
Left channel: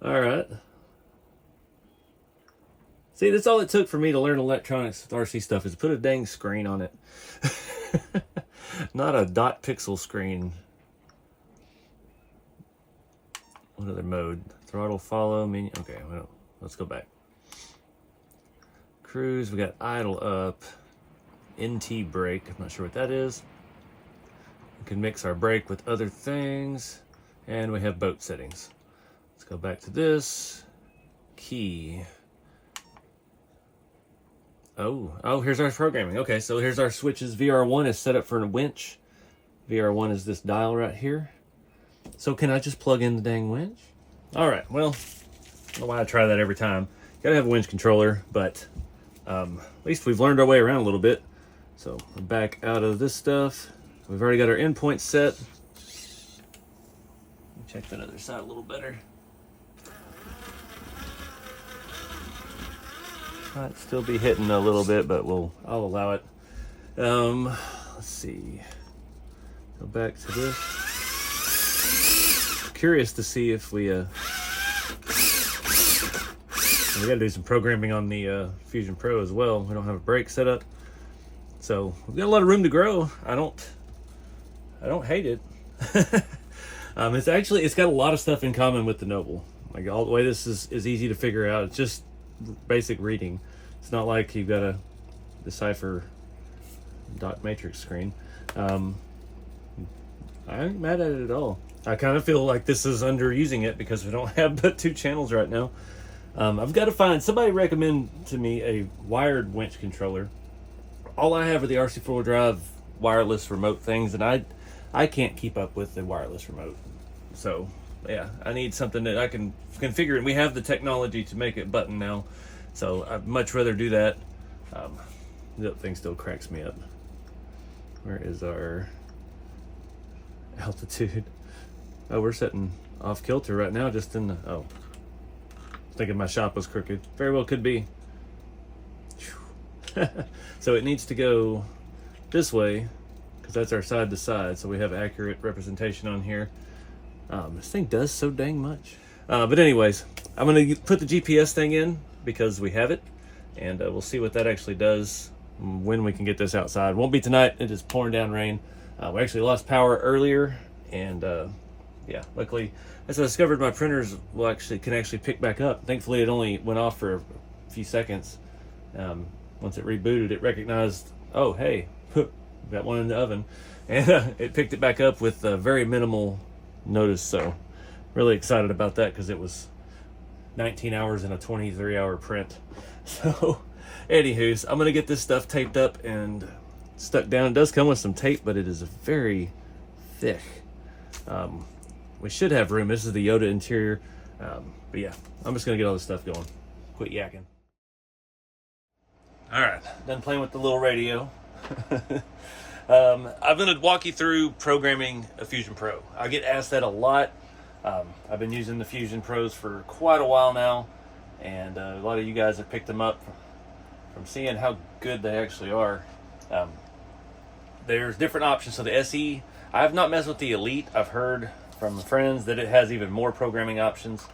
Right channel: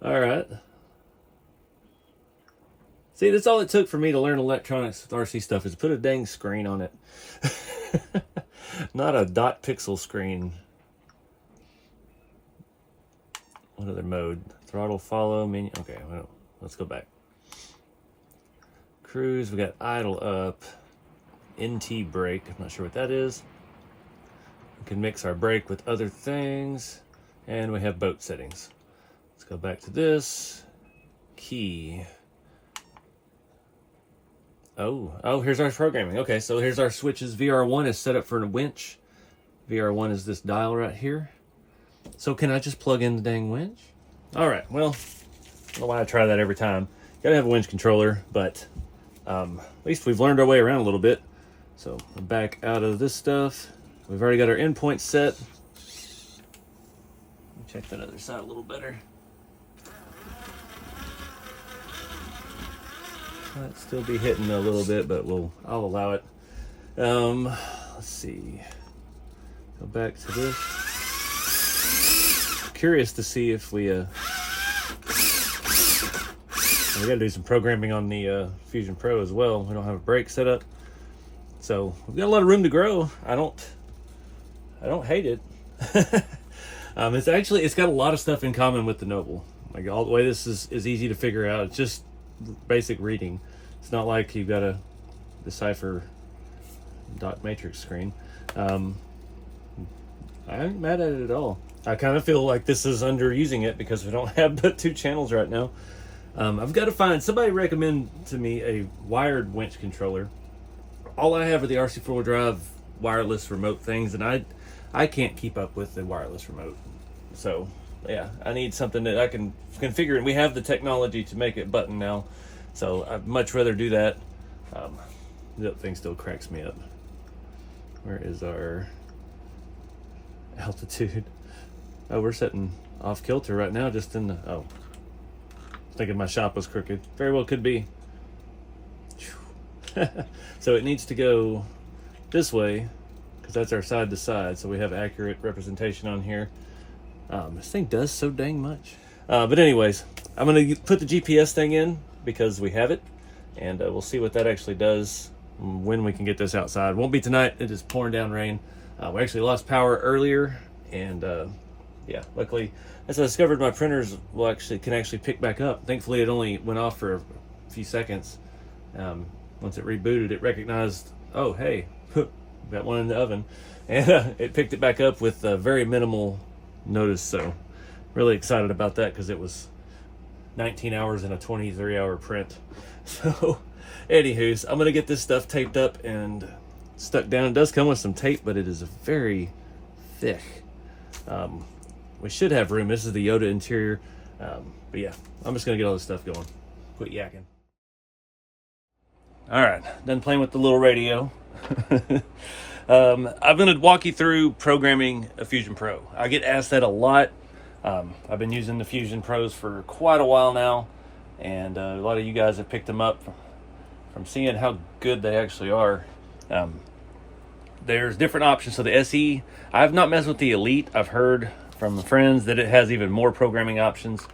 All right. See, that's all it took for me to learn electronics with RC stuff is put a dang screen on it. Not a dot pixel screen. What other mode? Throttle, follow, menu. Okay, well, let's go back. Cruise, we got idle up. NT brake, I'm not sure what that is. We can mix our brake with other things. And we have boat settings. Let's go back to this. Key. Oh, here's our programming. Okay, so here's our switches. VR1 is set up for a winch. VR1 is this dial right here. So can I just plug in the dang winch? All right, well, I don't know why I try that every time. You gotta have a winch controller, but at least we've learned our way around a little bit. So we're back out of this stuff. We've already got our endpoint set. Check that other side a little better. Might still be hitting a little bit, but I'll allow it. Let's see. Go back to this. Curious to see if we got to do some programming on the Fusion Pro as well. We don't have a brake set up, so we've got a lot of room to grow. I don't hate it. It's got a lot of stuff in common with the Noble. Like all the way this is easy to figure out. It's just basic reading. It's not like you've got to decipher dot matrix screen. I ain't mad at it at all. I kind of feel like this is underusing it because we don't have but 2 channels right now. I've got to find somebody recommend to me a wired winch controller. All I have are the RC 4-wheel drive wireless remote things, and I can't keep up with the wireless remote. So yeah, I need something that I can configure, and we have the technology to make it button now. So I'd much rather do that. The thing still cracks me up. Where is our altitude? Oh, we're setting off kilter right now, just in the, thinking my shop was crooked. Very well could be. So it needs to go this way, because that's our side to side, so we have accurate representation on here. This thing does so dang much. But anyways, I'm going to put the GPS thing in because we have it, and we'll see what that actually does when we can get this outside. Won't be tonight. It is pouring down rain. We actually lost power earlier, and yeah, luckily, as I discovered, my printers can actually pick back up. Thankfully, it only went off for a few seconds. Once it rebooted, it recognized, oh, hey, got one in the oven, and it picked it back up with very minimal notice. So really excited about that because it was 19 hours in a 23-hour print. So anywho's, I'm gonna get this stuff taped up and stuck down. It does come with some tape, but it is very thick. We should have room. This is the Yoda interior, but yeah, I'm just gonna get all this stuff going. Quit yakking. All right, done playing with the little radio. I'm going to walk you through programming a Fusion Pro. I get asked that a lot. I've been using the Fusion Pros for quite a while now, and a lot of you guys have picked them up from seeing how good they actually are. There's different options. So the SE, I've not messed with the Elite. I've heard from friends that it has even more programming options.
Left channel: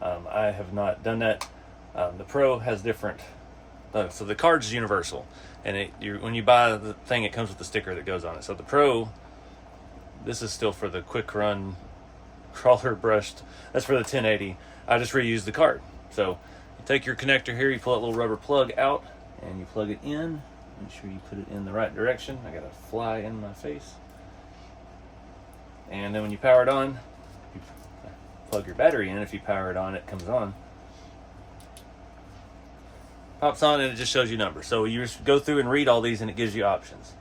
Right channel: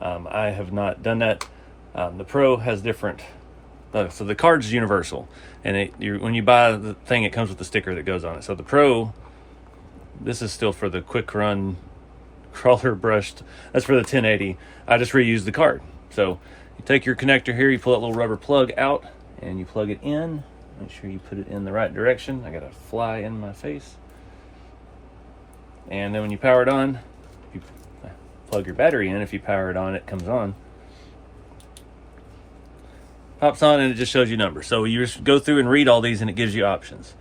I have not done that. The Pro has different. So the card's universal, and when you buy the thing, it comes with the sticker that goes on it. So the Pro, this is still for the quick run crawler brushed. That's for the 1080. I just reused the card. So you take your connector here, you pull that little rubber plug out, and you plug it in. Make sure you put it in the right direction. I got a fly in my face. And then when you power it on, plug your battery in. If you power it on, it comes on. Pops on and it just shows you numbers. So you just go through and read all these and it gives you options.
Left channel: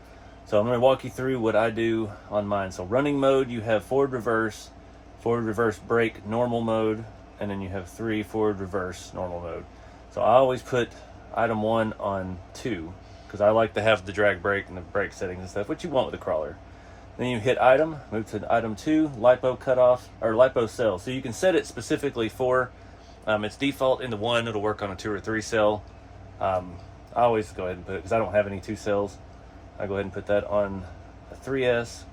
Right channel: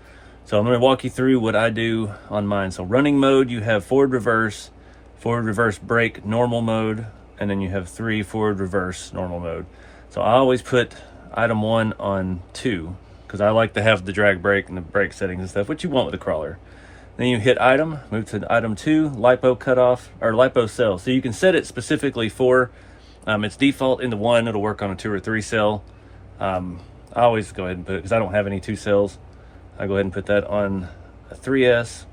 So I'm going to walk you through what I do on mine. So running mode, you have forward, reverse, brake, normal mode, and then you have 3 forward, reverse, normal mode. So I always put item 1 on 2 because I like to have the drag brake and the brake settings and stuff, which you want with a crawler. Then you hit item, move to item 2, lipo cutoff, or lipo cell. So you can set it specifically for, its default into 1, it'll work on a 2 or 3 cell. I always go ahead and put it, because I don't have any 2 cells, I go ahead and put that on a 3S.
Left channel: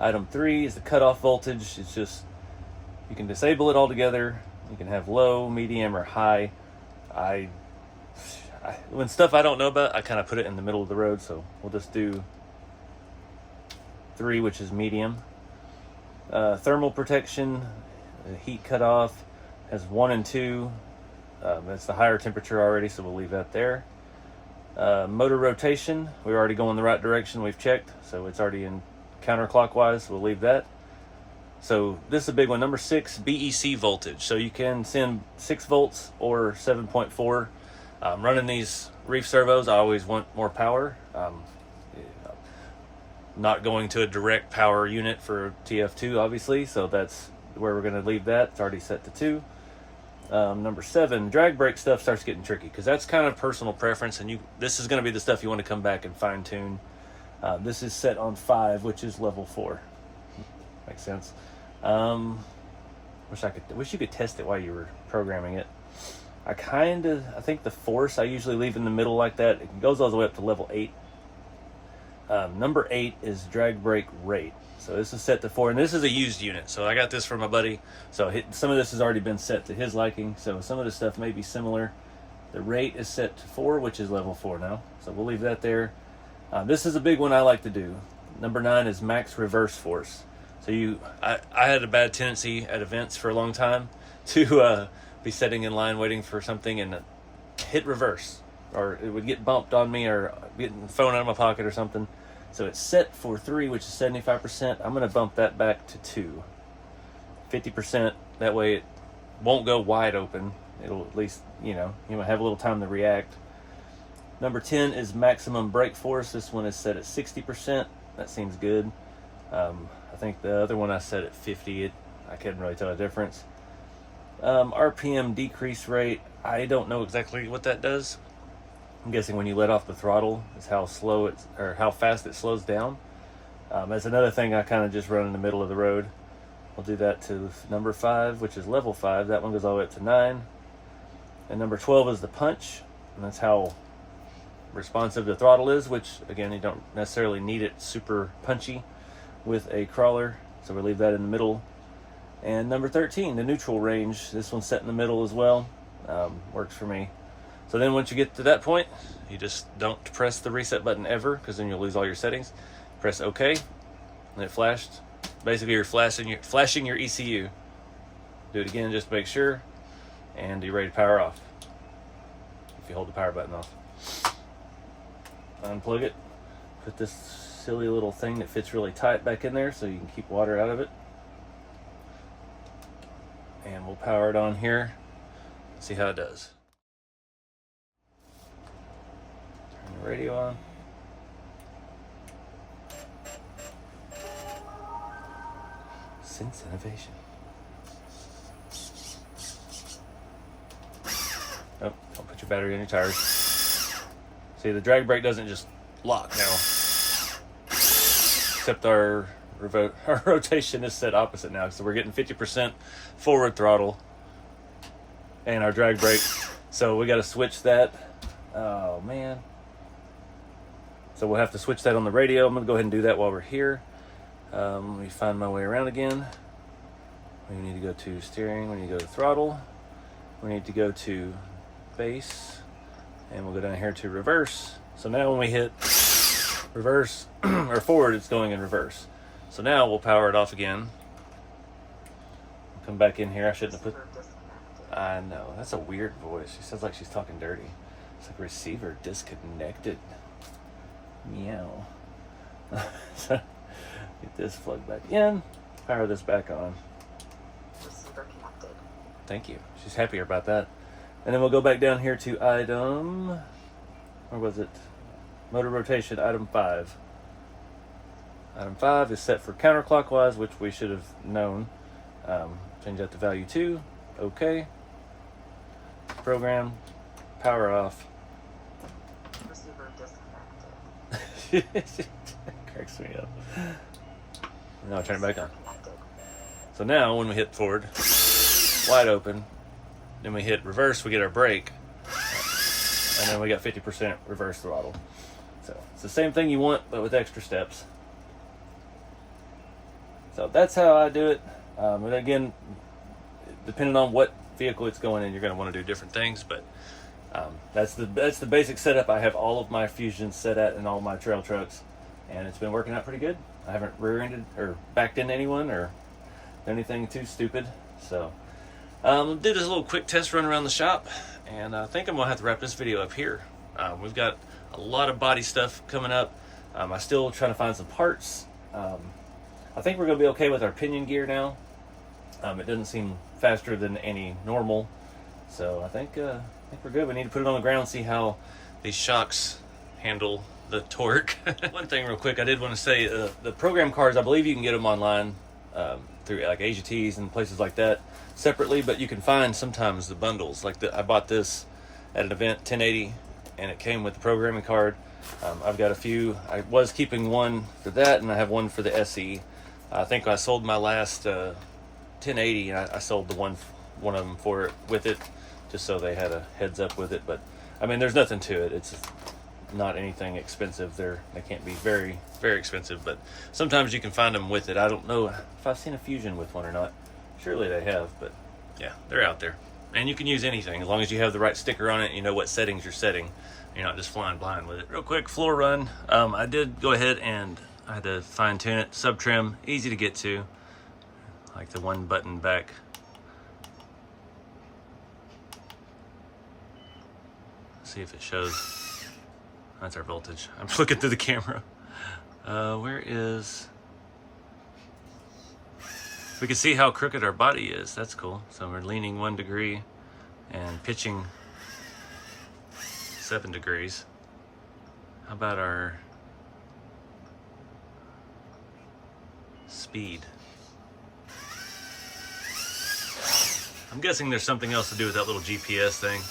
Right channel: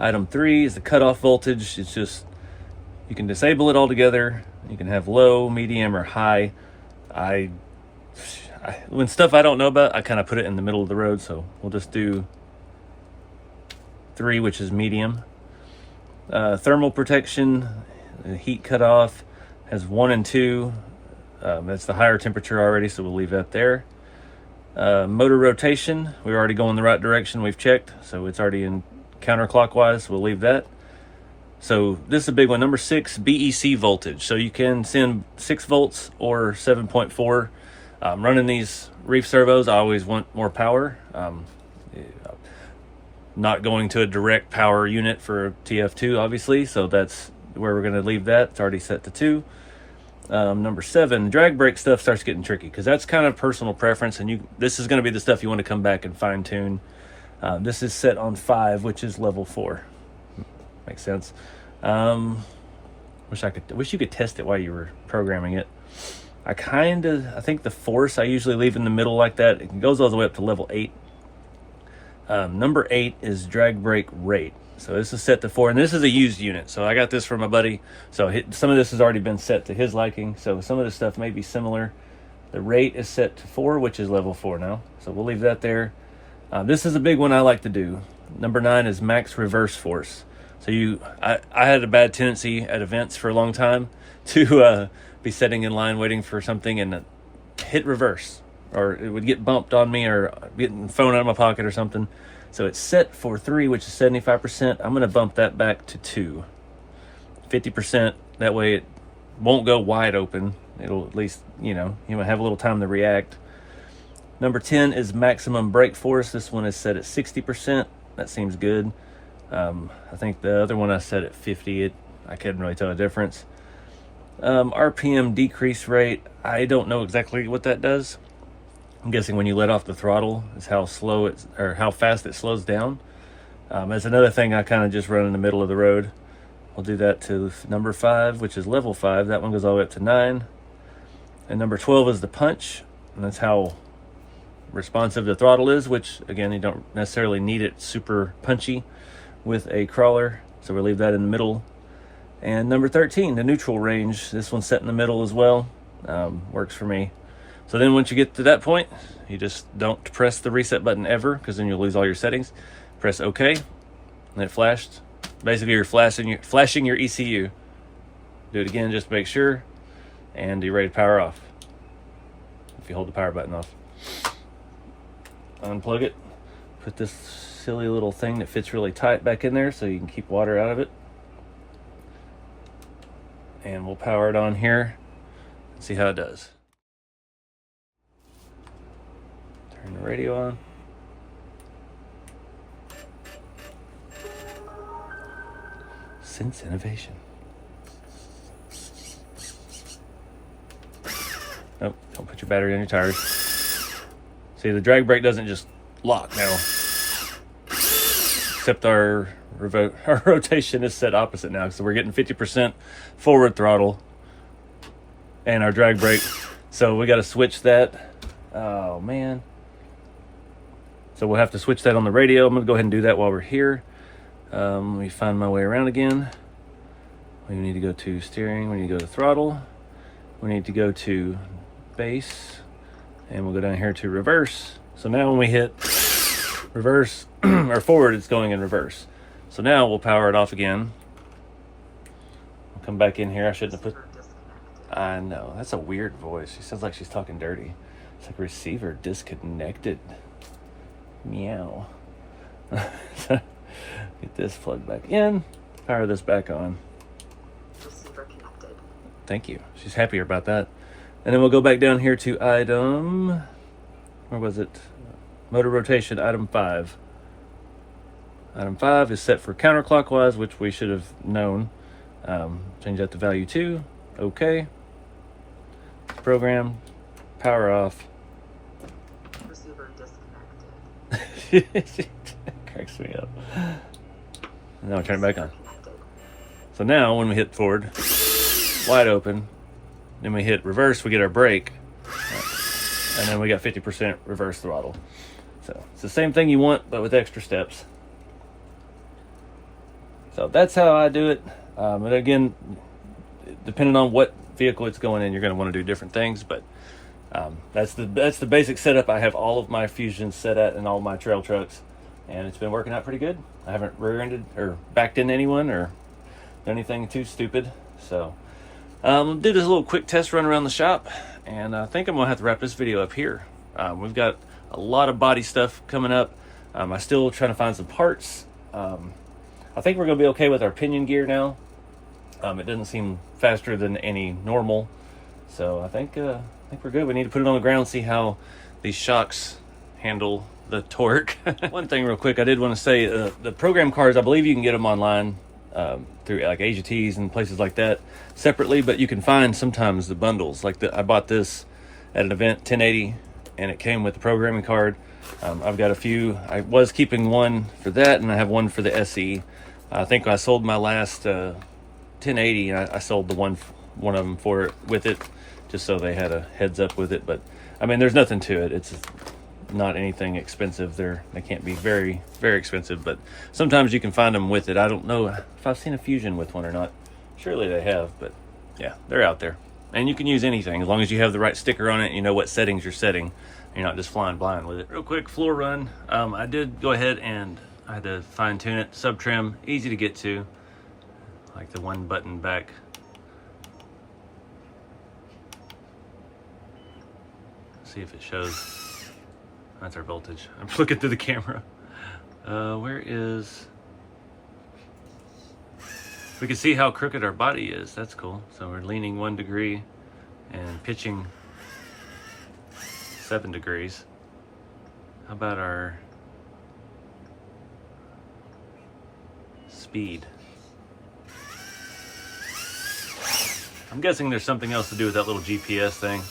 Item 3 is the cutoff voltage. It's just, you can disable it altogether. You can have low, medium, or high. When stuff I don't know about, I kind of put it in the middle of the road, so we'll just do 3, which is medium. Thermal protection, the heat cutoff has 1 and 2. That's the higher temperature already, so we'll leave that there. Motor rotation, we're already going the right direction, we've checked, so it's already in counterclockwise, we'll leave that. So this is a big one. Number 6, BEC voltage. So you can send 6 volts or 7.4. Running these Reef servos, I always want more power. Not going to a direct power unit for TF2, obviously, so that's where we're going to leave that. It's already set to 2. Number 7, drag brake stuff starts getting tricky because that's kind of personal preference, and this is going to be the stuff you want to come back and fine tune. This is set on 5, which is level 4. Makes sense. Wish you could test it while you were programming it. I think the force I usually leave in the middle like that. It goes all the way up to level 8. Number 8 is drag brake rate. So this is set to 4, and this is a used unit. So I got this from a buddy. So some of this has already been set to his liking. So some of this stuff may be similar. The rate is set to 4, which is level 4 now. So we'll leave that there. This is a big one I like to do. Number 9 is max reverse force. So I had a bad tendency at events for a long time to be sitting in line waiting for something and hit reverse, or it would get bumped on me or getting phone out of my pocket or something. So it's set for 3, which is 75%. I'm going to bump that back to 2. 50%. That way it won't go wide open. It'll at least, you might have a little time to react. Number 10 is maximum brake force. This one is set at 60%. That seems good. I think the other one I set at 50. I couldn't really tell the difference. RPM decrease rate. I don't know exactly what that does. I'm guessing when you let off the throttle is how fast it slows down. It's another thing I kind of just run in the middle of the road. We'll do that to number 5, which is level 5. That one goes all the way up to 9. And number 12 is the punch, and that's how responsive the throttle is, which again, you don't necessarily need it super punchy with a crawler, so we'll leave that in the middle. And number 13, the neutral range. This one's set in the middle as well. Works for me. So then once you get to that point, you just don't press the reset button ever, because then you'll lose all your settings. Press OK, and it flashed. Basically, you're flashing your ECU. Do it again just to make sure, and you're ready to power off. If you hold the power button off. Unplug it. Put this silly little thing that fits really tight back in there so you can keep water out of it. And we'll power it on here. See how it does. Turn the radio on. Sense innovation. Oh, don't put your battery on your tires. See, the drag brake doesn't just lock now. Except our rotation is set opposite now, so we're getting 50% forward throttle and our drag brake. So we got to switch that. Oh man. So we'll have to switch that on the radio. I'm gonna go ahead and do that while we're here. Let me find my way around again. We need to go to steering, we need to go to throttle, we need to go to base, and we'll go down here to reverse. So now when we hit reverse or forward, it's going in reverse. So now we'll power it off again. We'll come back in here. I shouldn't have put. I know, that's a weird voice. She sounds like she's talking dirty. It's like receiver disconnected. Meow. So, get this plugged back in. Power this back on. Thank you. She's happier about that. And then we'll go back down here to item, where was it? Motor rotation, item 5. Item 5 is set for counterclockwise, which we should have known. Change that to value 2. Okay. Program. Power off. Receiver disconnected. Cracks me up. Now turn it back on. So now when we hit forward, wide open, then we hit reverse, we get our brake, and then we got 50% reverse throttle. So it's the same thing you want, but with extra steps. So that's how I do it. And again, depending on what vehicle it's going in, you're going to want to do different things. But that's the basic setup. I have all of my Fusions set at in all my trail trucks, and it's been working out pretty good. I haven't rear-ended or backed into anyone or done anything too stupid. So did this little quick test run around the shop, and I think I'm gonna have to wrap this video up here. We've got a lot of body stuff coming up. I'm still trying to find some parts. I think we're gonna be okay with our pinion gear now. It doesn't seem faster than any normal, so I think we're good. We need to put it on the ground, see how these shocks handle the torque. One thing real quick, I did want to say, the program cards, I believe you can get them online through like Asia Tees and places like that separately, but you can find sometimes the bundles. Like I bought this at an event, 1080, and it came with the programming card. I've got a few. I was keeping one for that, and I have one for the SE. I think I sold my last 1080, and I sold the one of them for it with it, just so they had a heads up with it. But I mean, there's nothing to it. It's not anything expensive. They can't be very, very expensive, but sometimes you can find them with it. I don't know if I've seen a Fusion with one or not. Surely they have, but yeah, they're out there. And you can use anything as long as you have the right sticker on it and you know what settings you're setting. You're not just flying blind with it. Real quick floor run. I did go ahead and I had to fine tune it. Sub trim, easy to get to. Like the one button back. Let's see if it shows. That's our voltage. I'm looking through the camera. Where is... We can see how crooked our body is. That's cool. So we're leaning 1 degree and pitching 7 degrees. How about our speed? I'm guessing there's something else to do with that little GPS thing.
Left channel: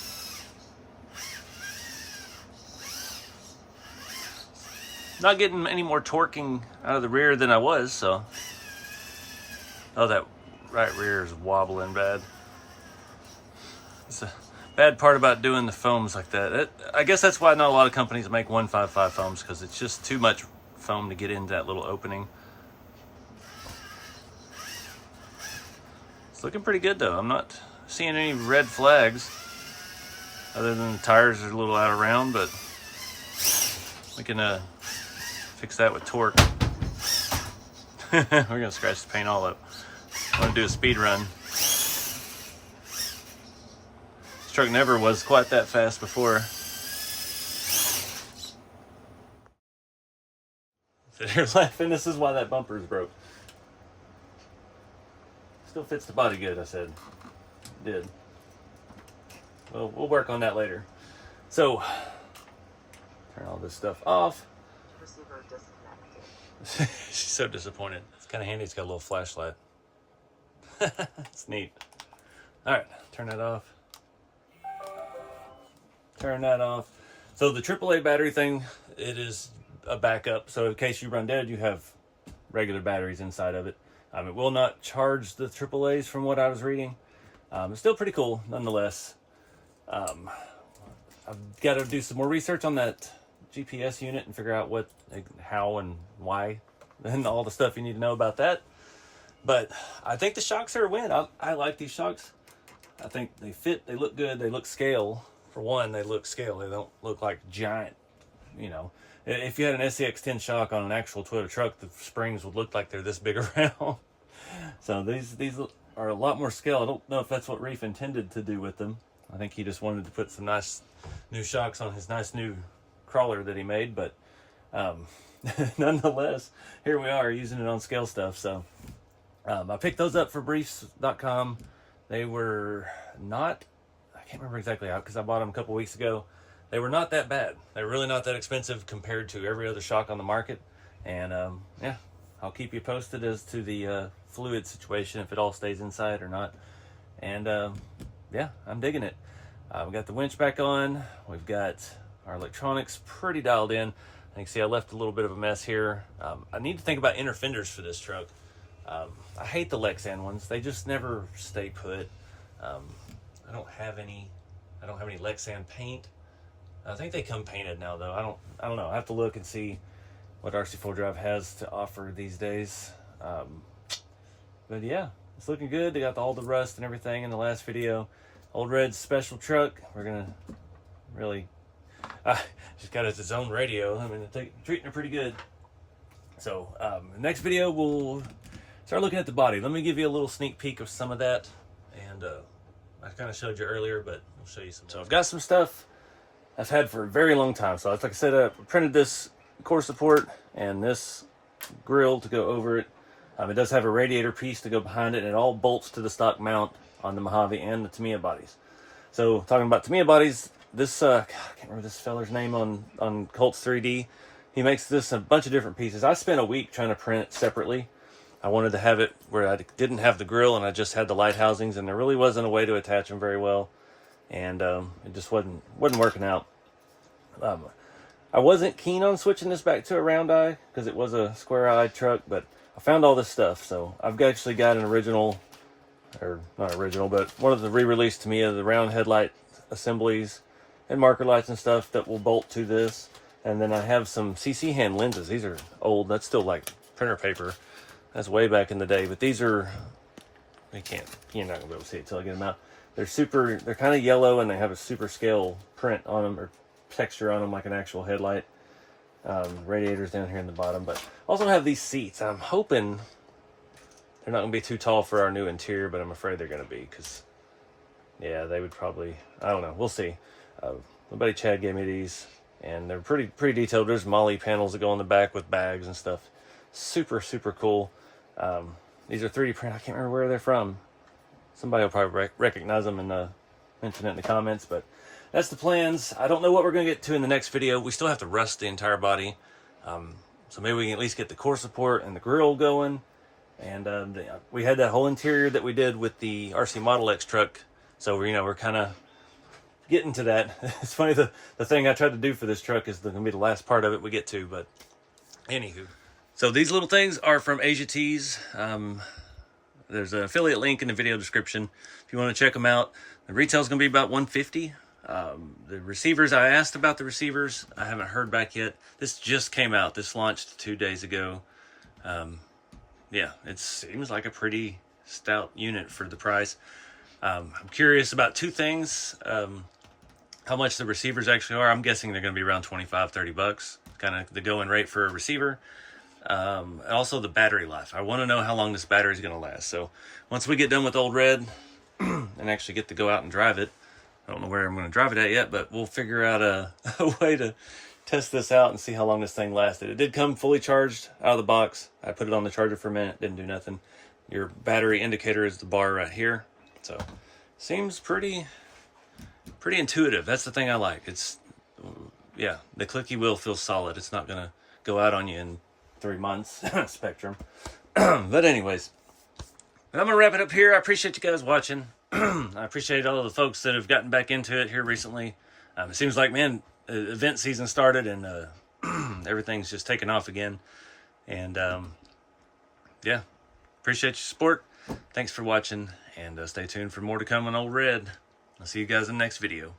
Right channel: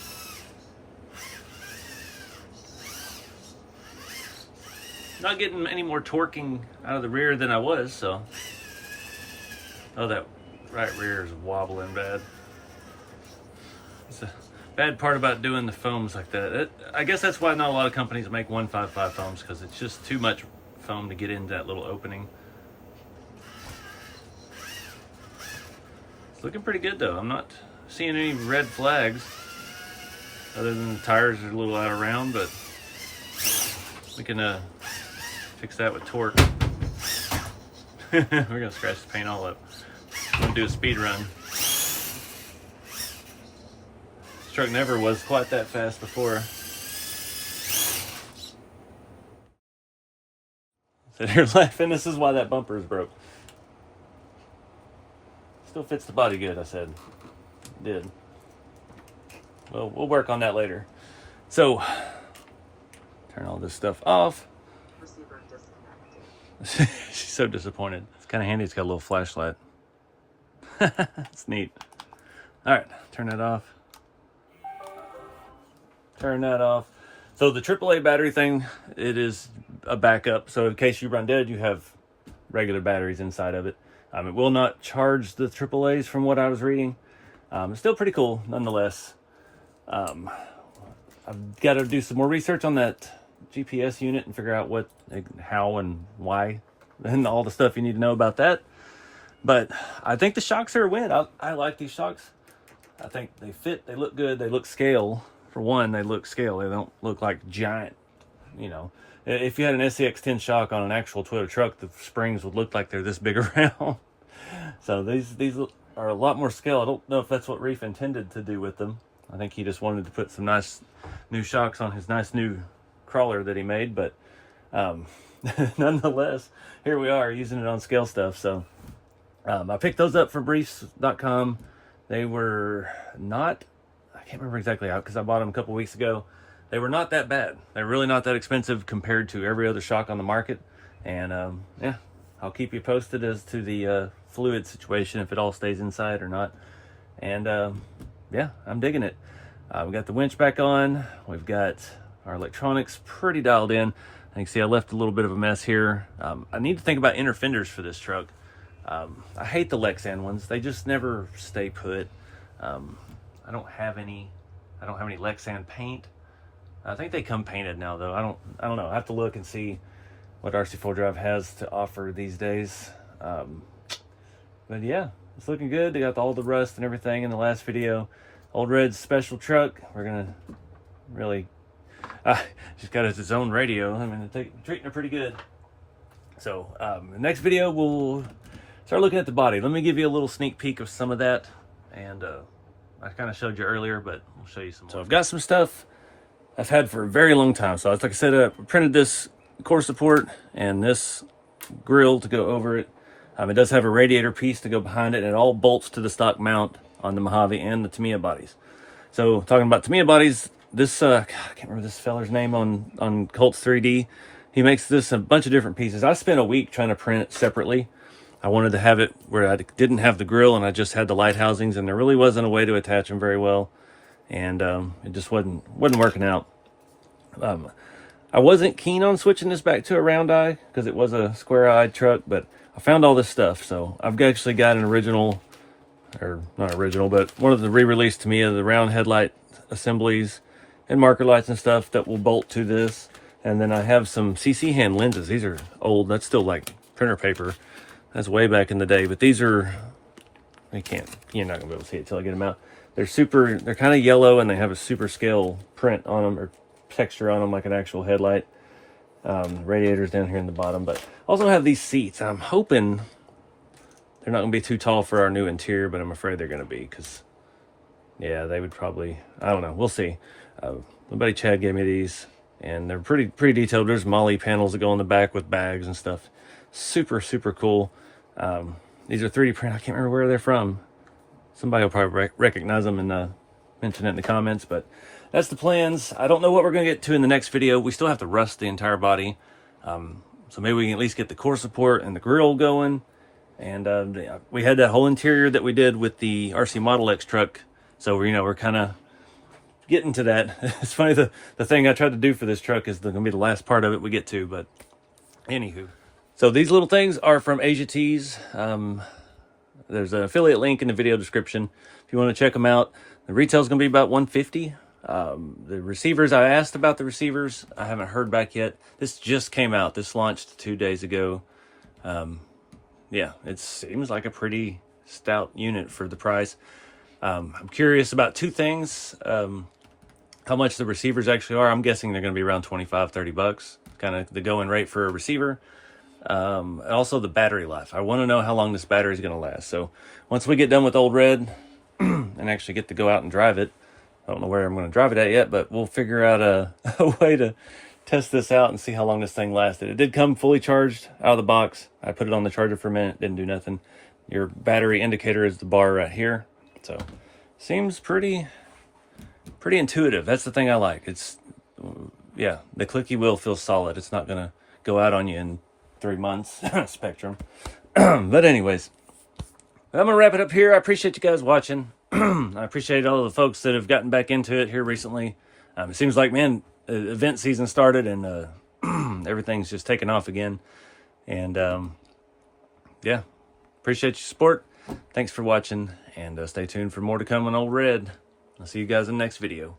Not getting any more torquing out of the rear than I was, so. Oh, that right rear is wobbling bad. It's a bad part about doing the foams like that. I guess that's why not a lot of companies make 155 foams, because it's just too much foam to get into that little opening. It's looking pretty good though. I'm not seeing any red flags, other than the tires are a little out of round, but we can fix that with torque. We're gonna scratch the paint all up. I'm gonna do a speed run. This truck never was quite that fast before. So here's laughing. This is why that bumper is broke. Still fits the body good, I said. It did. Well, we'll work on that later. So, turn all this stuff off. Receiver disconnected. She's so disappointed. It's kind of handy. It's got a little flashlight. It's neat. All right, turn that off. Turn that off. So the AAA battery thing, it is a backup. So in case you run dead, you have regular batteries inside of it. It will not charge the AAAs from what I was reading. It's still pretty cool nonetheless. I've got to do some more research on that GPS unit and figure out what, how and why, and all the stuff you need to know about that. But I think the shocks are a win. I like these shocks. I think they fit, they look good, they look scale. For one, they look scale. They don't look like giant, you know. If you had an SCX-10 shock on an actual Toyota truck, the springs would look like they're this big around. So these are a lot more scale. I don't know if that's what Reef intended to do with them. I think he just wanted to put some nice new shocks on his nice new crawler that he made. But nonetheless, here we are using it on scale stuff. So I picked those up from Reefs.com. They were not, I can't remember exactly how, because I bought them a couple weeks ago. They were not that bad. They're really not that expensive compared to every other shock on the market. And yeah, I'll keep you posted as to the fluid situation, if it all stays inside or not. And yeah, I'm digging it. We got the winch back on. We've got our electronics pretty dialed in. You can see I left a little bit of a mess here. I need to think about inner fenders for this truck. I hate the Lexan ones. They just never stay put. I don't have any Lexan paint. I think they come painted now though. I don't know. I have to look and see what RC4 Drive has to offer these days. But yeah, it's looking good. They got all the rust and everything in the last video. Old Red's special truck. We're gonna really just got its own radio. I mean, they're treating it pretty good. So the next video we'll start looking at the body. Let me give you a little sneak peek of some of that. And I kind of showed you earlier, but we'll show you some more. So I've got some stuff I've had for a very long time. So like I said, I printed this core support and this grill to go over it. It does have a radiator piece to go behind it, and it all bolts to the stock mount on the Mojave and the Tamiya bodies. So talking about Tamiya bodies, this God, I can't remember this feller's name on Colts 3D. He makes this a bunch of different pieces. I spent a week trying to print it separately. I wanted to have it where I didn't have the grill and I just had the light housings, and there really wasn't a way to attach them very well, and it just wasn't working out. I wasn't keen on switching this back to a round eye because it was a square-eyed truck, but I found all this stuff. So I've actually got an original, or not original, but one of the re-released to me of the round headlight assemblies and marker lights and stuff that will bolt to this. And then I have some CC hand lenses. These are old. That's still like printer paper. That's way back in the day. But these are, you're not gonna be able to see it till I get them out. They're kind of yellow, and they have a super scale print on them, or texture on them like an actual headlight. Radiators down here in the bottom, but also have these seats. I'm hoping they're not gonna be too tall for our new interior, but I'm afraid they're gonna be, because yeah, they would probably, I don't know, we'll see. My buddy Chad gave me these, and they're pretty detailed. There's MOLLE panels that go in the back with bags and stuff. Super cool. These are 3D print. I can't remember where they're from. Somebody will probably recognize them and mention it in the comments, but that's the plans. I don't know what we're going to get to in the next video. We still have to rust the entire body. So maybe we can at least get the core support and the grill going. And we had that whole interior that we did with the RC Model X truck. So we're kind of getting to that. It's funny, the thing I tried to do for this truck is going to be the last part of it we get to, but anywho. So these little things are from Asia Tees. There's an affiliate link in the video description if you want to check them out. The retail is going to be about $150. The receivers, I asked about the receivers. I haven't heard back yet. This just came out. This launched 2 days ago. Yeah, it seems like a pretty stout unit for the price. I'm curious about two things. How much the receivers actually are. I'm guessing they're going to be around 25, 30 bucks. Kind of the going rate for a receiver. Also the battery life. I want to know how long this battery is going to last. So once we get done with Old Red and actually get to go out and drive it, I don't know where I'm going to drive it at yet, but we'll figure out a way to test this out and see how long this thing lasted. It did come fully charged out of the box. I put it on the charger for a minute, didn't do nothing. Your battery indicator is the bar right here. So seems pretty intuitive. That's the thing I like. It's, yeah, the clicky wheel feels solid. It's not going to go out on you in 3 months. Spectrum. But anyways, I'm going to wrap it up here. I appreciate you guys watching. I appreciate all the folks that have gotten back into it here recently. It seems like, man, event season started and everything's just taken off again. And yeah, appreciate your support. Thanks for watching, and stay tuned for more to come on Old Red. I'll see you guys in the next video.